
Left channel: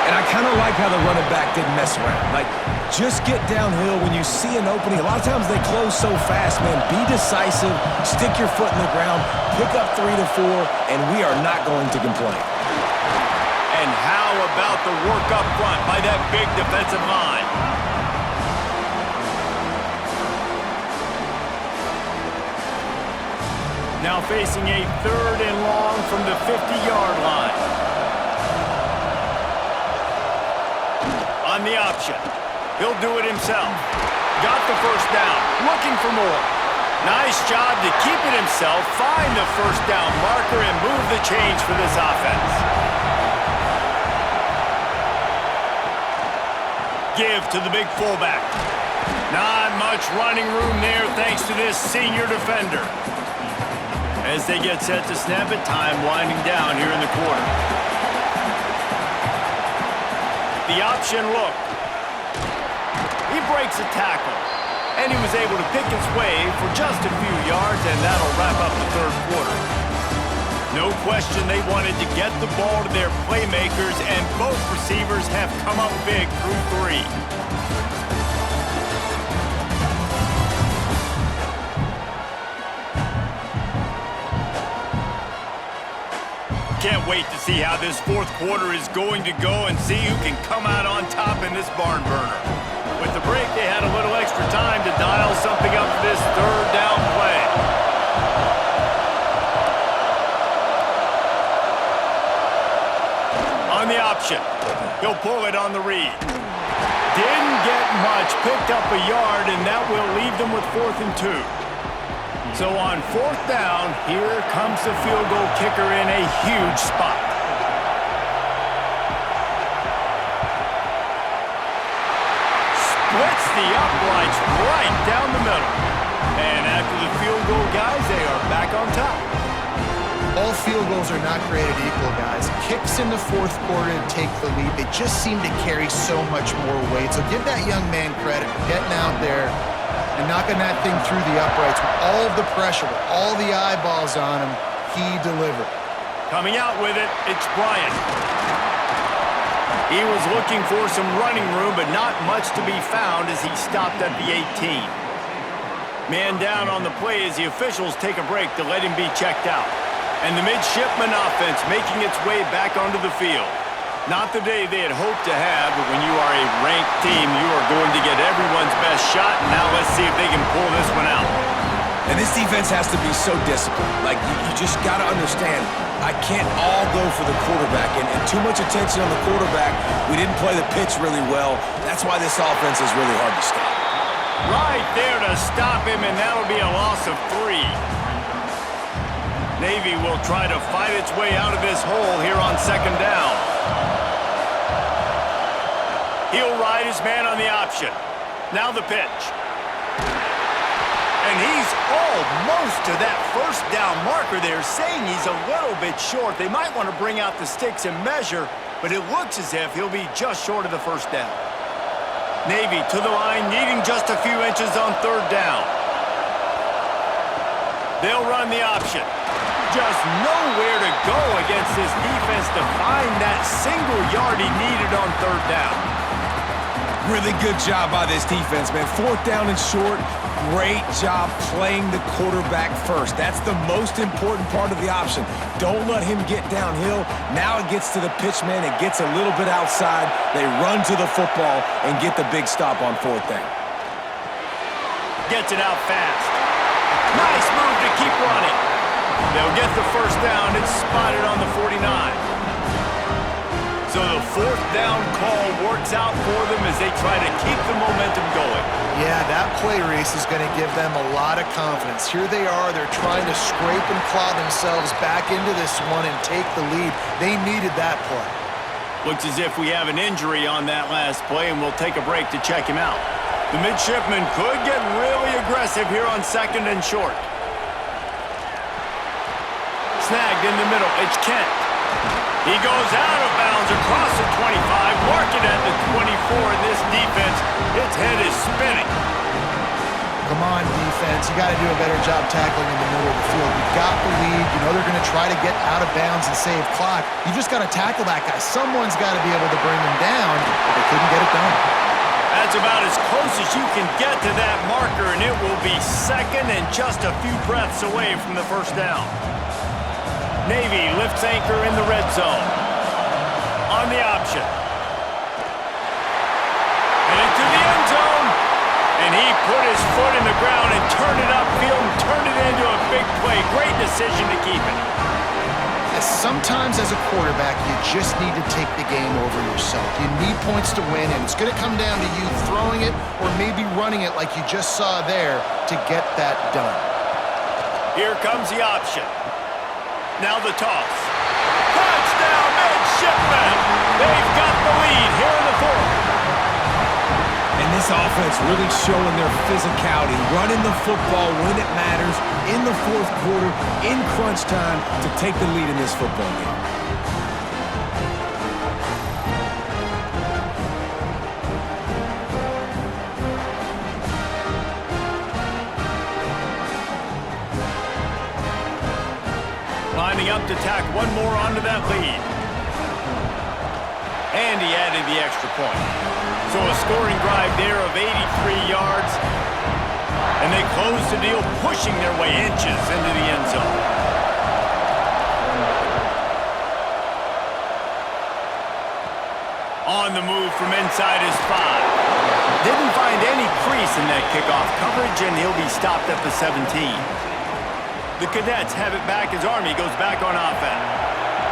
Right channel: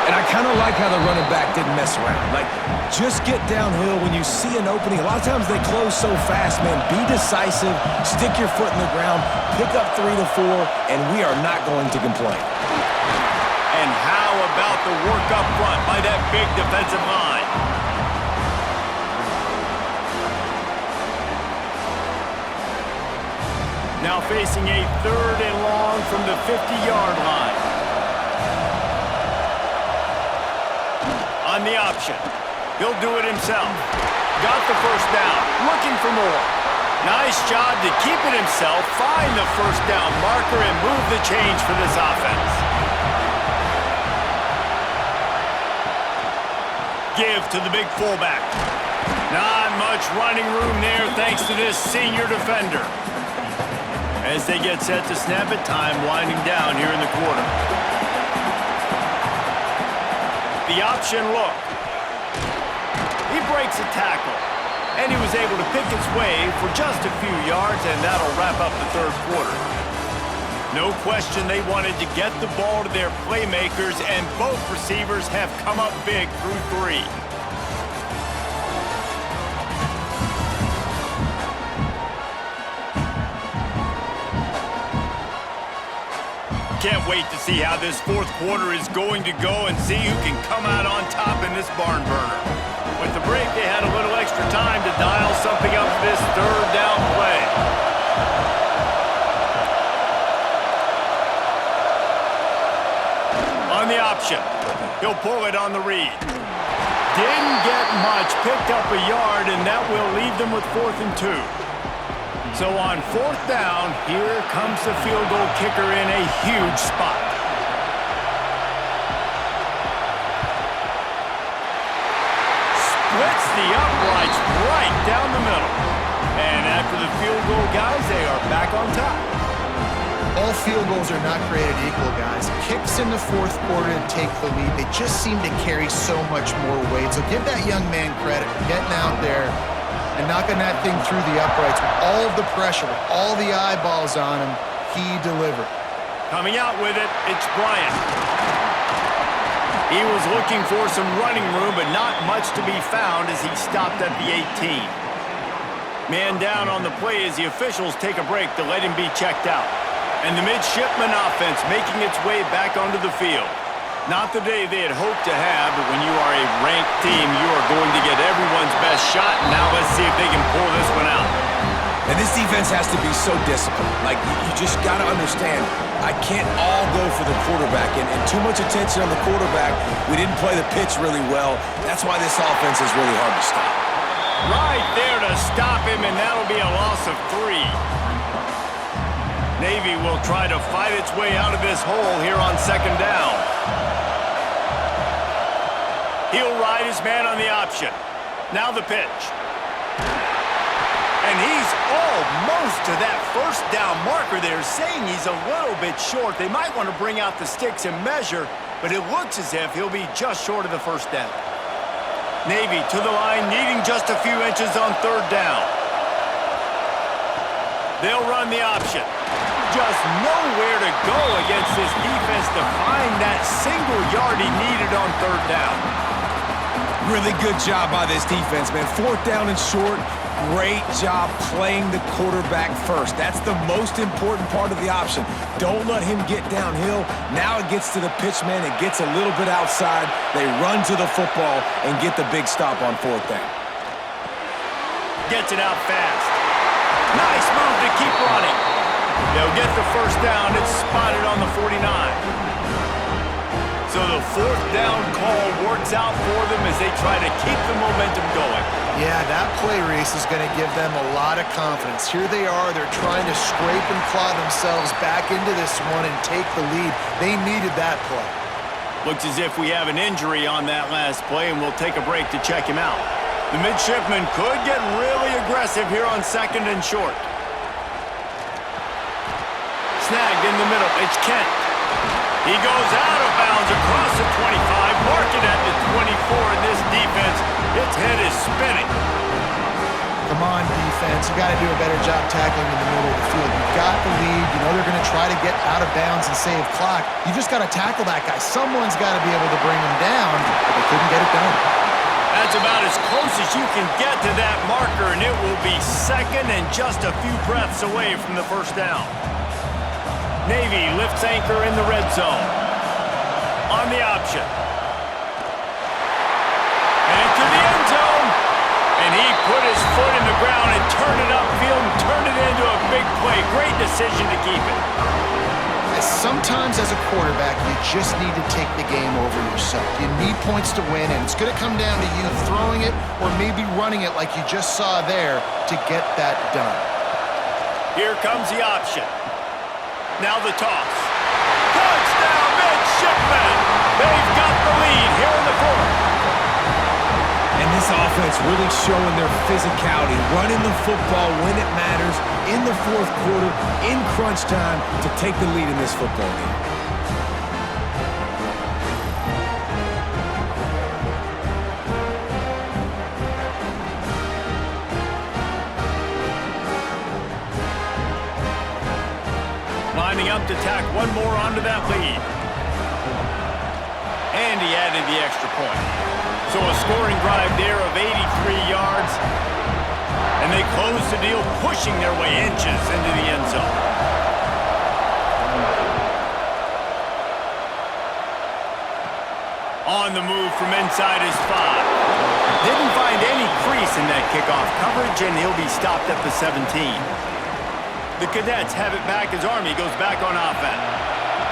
And I kind of like how the running back didn't mess around. Like, just get downhill when you see an opening. A lot of times they close so fast, man. Be decisive, stick your foot in the ground, pick up 3 to 4, and we are not going to complain. And how about the work up front by that big defensive line? Now facing a 3rd and long from the 50-yard line. On the option. He'll do it himself. Got the first down. Looking for more. Nice job to keep it himself, find the first down marker, and move the change for this offense. Give to the big fullback. Not much running room there thanks to this senior defender. As they get set to snap it, time winding down here in the quarter. The option look. He breaks a tackle, and he was able to pick his way for just a few yards, and that'll wrap up the third quarter. No question they wanted to get the ball to their playmakers, and both receivers have come up big through 3. Can't wait to see how this fourth quarter is going to go and see who can come out on top in this barn burner. With the break, they had a little extra time to dial something up for this third down play. On the option, he'll pull it on the read. Didn't get much, picked up a yard, and that will leave them with 4th and 2. So on 4th down, here comes the field goal kicker in a huge spot. Splits the uprights right down the middle. And after the field goal, guys, they are back on top. All field goals are not created equal, guys. Kicks in the fourth quarter to take the lead. They just seem to carry so much more weight. So give that young man credit for getting out there and knocking that thing through the uprights with all of the pressure, with all the eyeballs on him. He delivered. Coming out with it, it's Bryant. He was looking for some running room, but not much to be found as he stopped at the 18. Man down on the play as the officials take a break to let him be checked out. And the Midshipmen offense making its way back onto the field. Not the day they had hoped to have, but when you are a ranked team, you are going to get everyone's best shot. And now let's see if they can pull this one out. And this defense has to be so disciplined. Like, you just got to understand, I can't all go for the quarterback. And too much attention on the quarterback. We didn't play the pitch really well. That's why this offense is really hard to stop. Right there to stop him, and that'll be a loss of 3. Navy will try to fight its way out of this hole here on 2nd down. He'll ride his man on the option. Now the pitch. And he's almost to that first down marker there, saying he's a little bit short. They might want to bring out the sticks and measure, but it looks as if he'll be just short of the first down. Navy to the line, needing just a few inches on 3rd down. They'll run the option. Just nowhere to go against this defense to find that single yard he needed on 3rd down. Really good job by this defense, man. 4th down and short. Great job playing the quarterback first. That's the most important part of the option. Don't let him get downhill. Now it gets to the pitchman. It gets a little bit outside. They run to the football and get the big stop on 4th down. Gets it out fast. Nice move to keep running. They'll get the first down. It's spotted on the 49. So the fourth down call works out for them as they try to keep the momentum going. Yeah, that play race is going to give them a lot of confidence. Here they are. They're trying to scrape and claw themselves back into this one and take the lead. They needed that play. Looks as if we have an injury on that last play, and we'll take a break to check him out. The Midshipmen could get really aggressive here on second and short. Snagged in the middle. It's Kent. He goes out of bounds across the 25, mark it at the 24, and this defense, its head is spinning. Come on, defense. You got to do a better job tackling in the middle of the field. You've got the lead. You know they're going to try to get out of bounds and save clock. You just got to tackle that guy. Someone's got to be able to bring him down, but they couldn't get it done. That's about as close as you can get to that marker, and it will be second and just a few breaths away from the first down. Navy lifts anchor in the red zone. On the option. And into the end zone. And he put his foot in the ground and turned it upfield and turned it into a big play. Great decision to keep it. Sometimes as a quarterback, you just need to take the game over yourself. You need points to win, and it's going to come down to you throwing it or maybe running it like you just saw there to get that done. Here comes the option. Now the toss. Touchdown, Midshipmen! They've got the lead here in the fourth. And this offense really showing their physicality, running the football when it matters, in the fourth quarter, in crunch time, to take the lead in this football game. Lining up to tack one more onto that lead. And he added the extra point. So a scoring drive there of 83 yards. And they close the deal, pushing their way inches into the end zone. On the move from inside his 5. Didn't find any crease in that kickoff coverage, and he'll be stopped at the 17. The Cadets have it back as Army goes back on offense.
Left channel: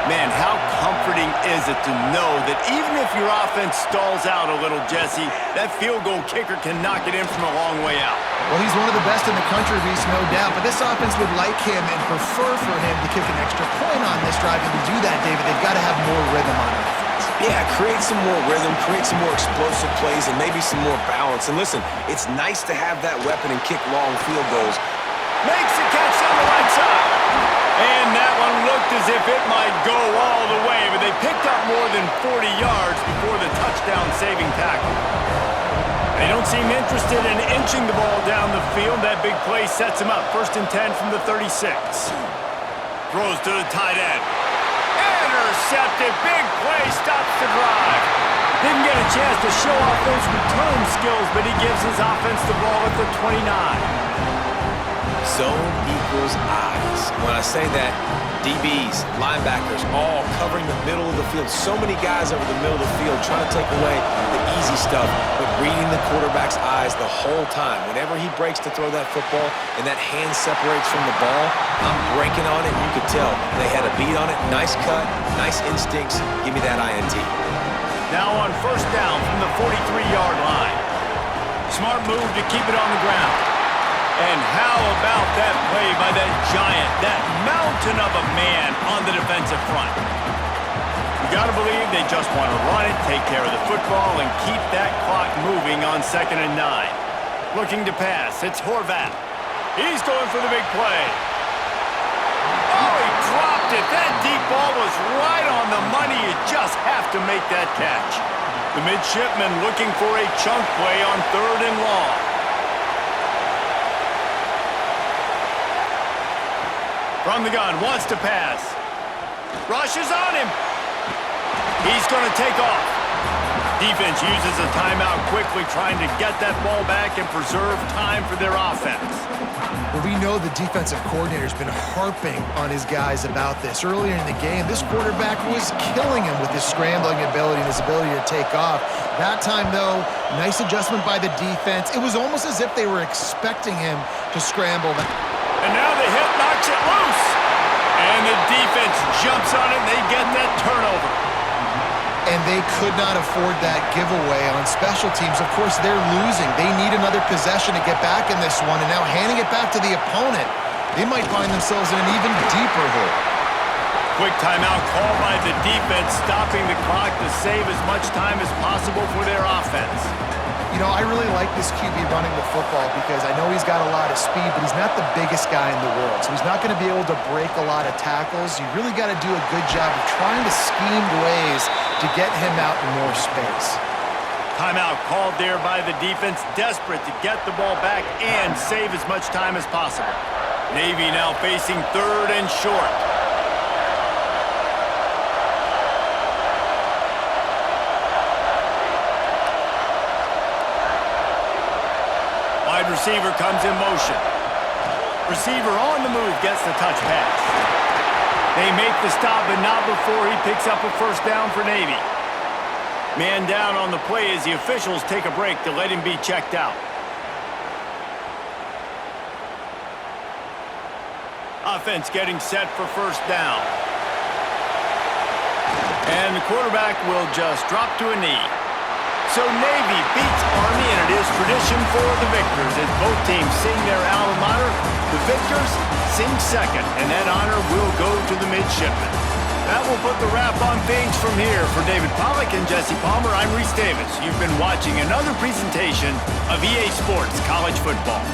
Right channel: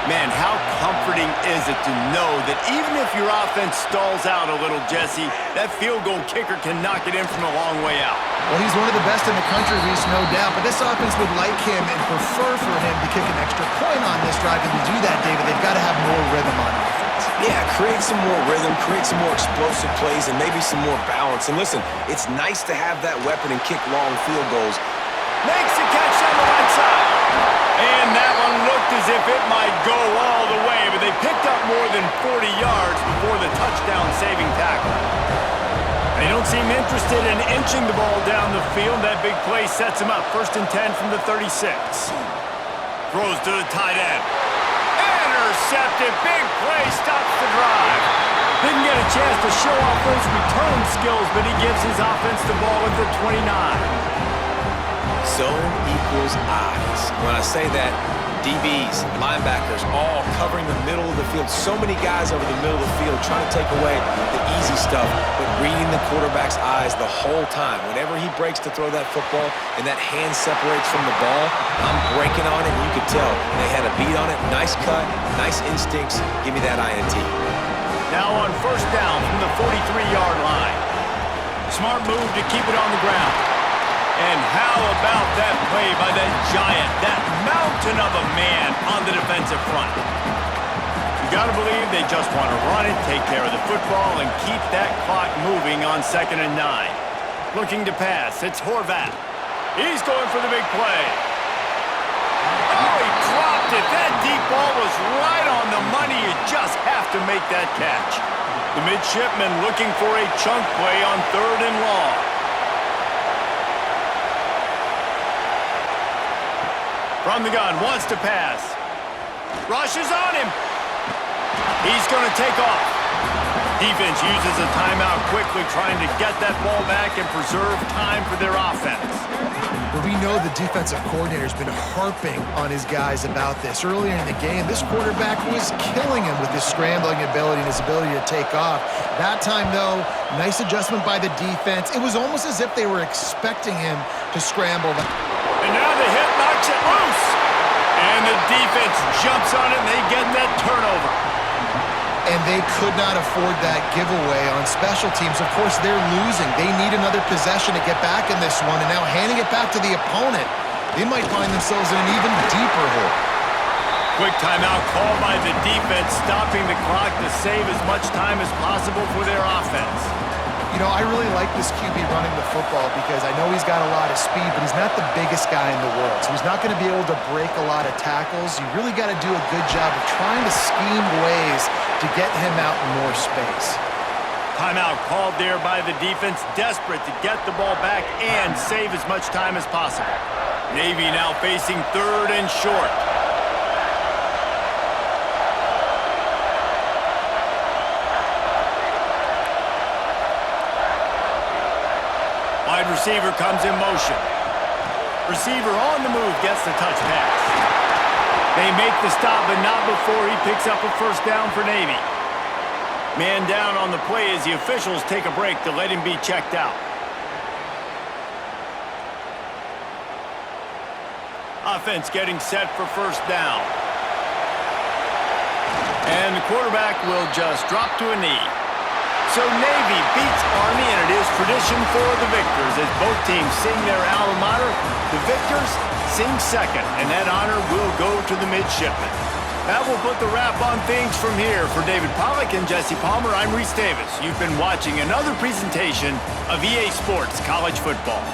Man, how comforting is it to know that even if your offense stalls out a little, Jesse, that field goal kicker can knock it in from a long way out. Well, he's one of the best in the country, Reese, no doubt. But this offense would like him and prefer for him to kick an extra point on this drive. And to do that, David, they've got to have more rhythm on offense. Yeah, create some more rhythm, create some more explosive plays, and maybe some more balance. And listen, it's nice to have that weapon and kick long field goals. Makes the catch on the right side. And that one looked as if it might go all the way, but they picked up more than 40 yards before the touchdown-saving tackle. They don't seem interested in inching the ball down the field. That big play sets him up. 1st and 10 from the 36. Throws to the tight end. Intercepted. Big play. Stops the drive. Didn't get a chance to show off those return skills, but he gives his offense the ball at the 29. Zone equals eyes. When I say that, DBs, linebackers, all covering the middle of the field. So many guys over the middle of the field trying to take away the easy stuff, but reading the quarterback's eyes the whole time. Whenever he breaks to throw that football and that hand separates from the ball, I'm breaking on it, and you could tell they had a beat on it. Nice cut, nice instincts. Give me that INT. Now on 1st down from the 43-yard line. Smart move to keep it on the ground. And how about that play by that giant, that mountain of a man on the defensive front? You got to believe they just want to run it, take care of the football, and keep that clock moving on 2nd and 9. Looking to pass, it's Horvat. He's going for the big play. Oh, he dropped it. That deep ball was right on the money. You just have to make that catch. The Midshipmen looking for a chunk play on 3rd and long. From the gun, wants to pass. Rushes on him. He's going to take off. Defense uses a timeout quickly, trying to get that ball back and preserve time for their offense. Well, we know the defensive coordinator's been harping on his guys about this. Earlier in the game, this quarterback was killing him with his scrambling ability and his ability to take off. That time, though, nice adjustment by the defense. It was almost as if they were expecting him to scramble. And now the hit knocks it loose. the defense jumps on it, and they get that turnover. And they could not afford that giveaway on special teams. Of course, they're losing. They need another possession to get back in this one, and now handing it back to the opponent, they might find themselves in an even deeper hole. Quick timeout called by the defense, stopping the clock to save as much time as possible for their offense. You know, I really like this QB running the football because I know he's got a lot of speed, but he's not the biggest guy in the world. So he's not going to be able to break a lot of tackles. You really got to do a good job of trying to scheme ways to get him out in more space. Timeout called there by the defense, desperate to get the ball back and save as much time as possible. Navy now facing 3rd and short. Wide receiver comes in motion. Receiver on the move gets the touch pass. They make the stop, but not before he picks up a first down for Navy. Man down on the play as the officials take a break to let him be checked out. Offense getting set for first down. And the quarterback will just drop to a knee. So Navy beats Army, and it is tradition for the victors as both teams sing their alma mater. The victors sing second, and that honor will go to the Midshipmen. That will put the wrap on things from here. For David Pollack and Jesse Palmer, I'm Reese Davis. You've been watching another presentation of EA Sports College Football.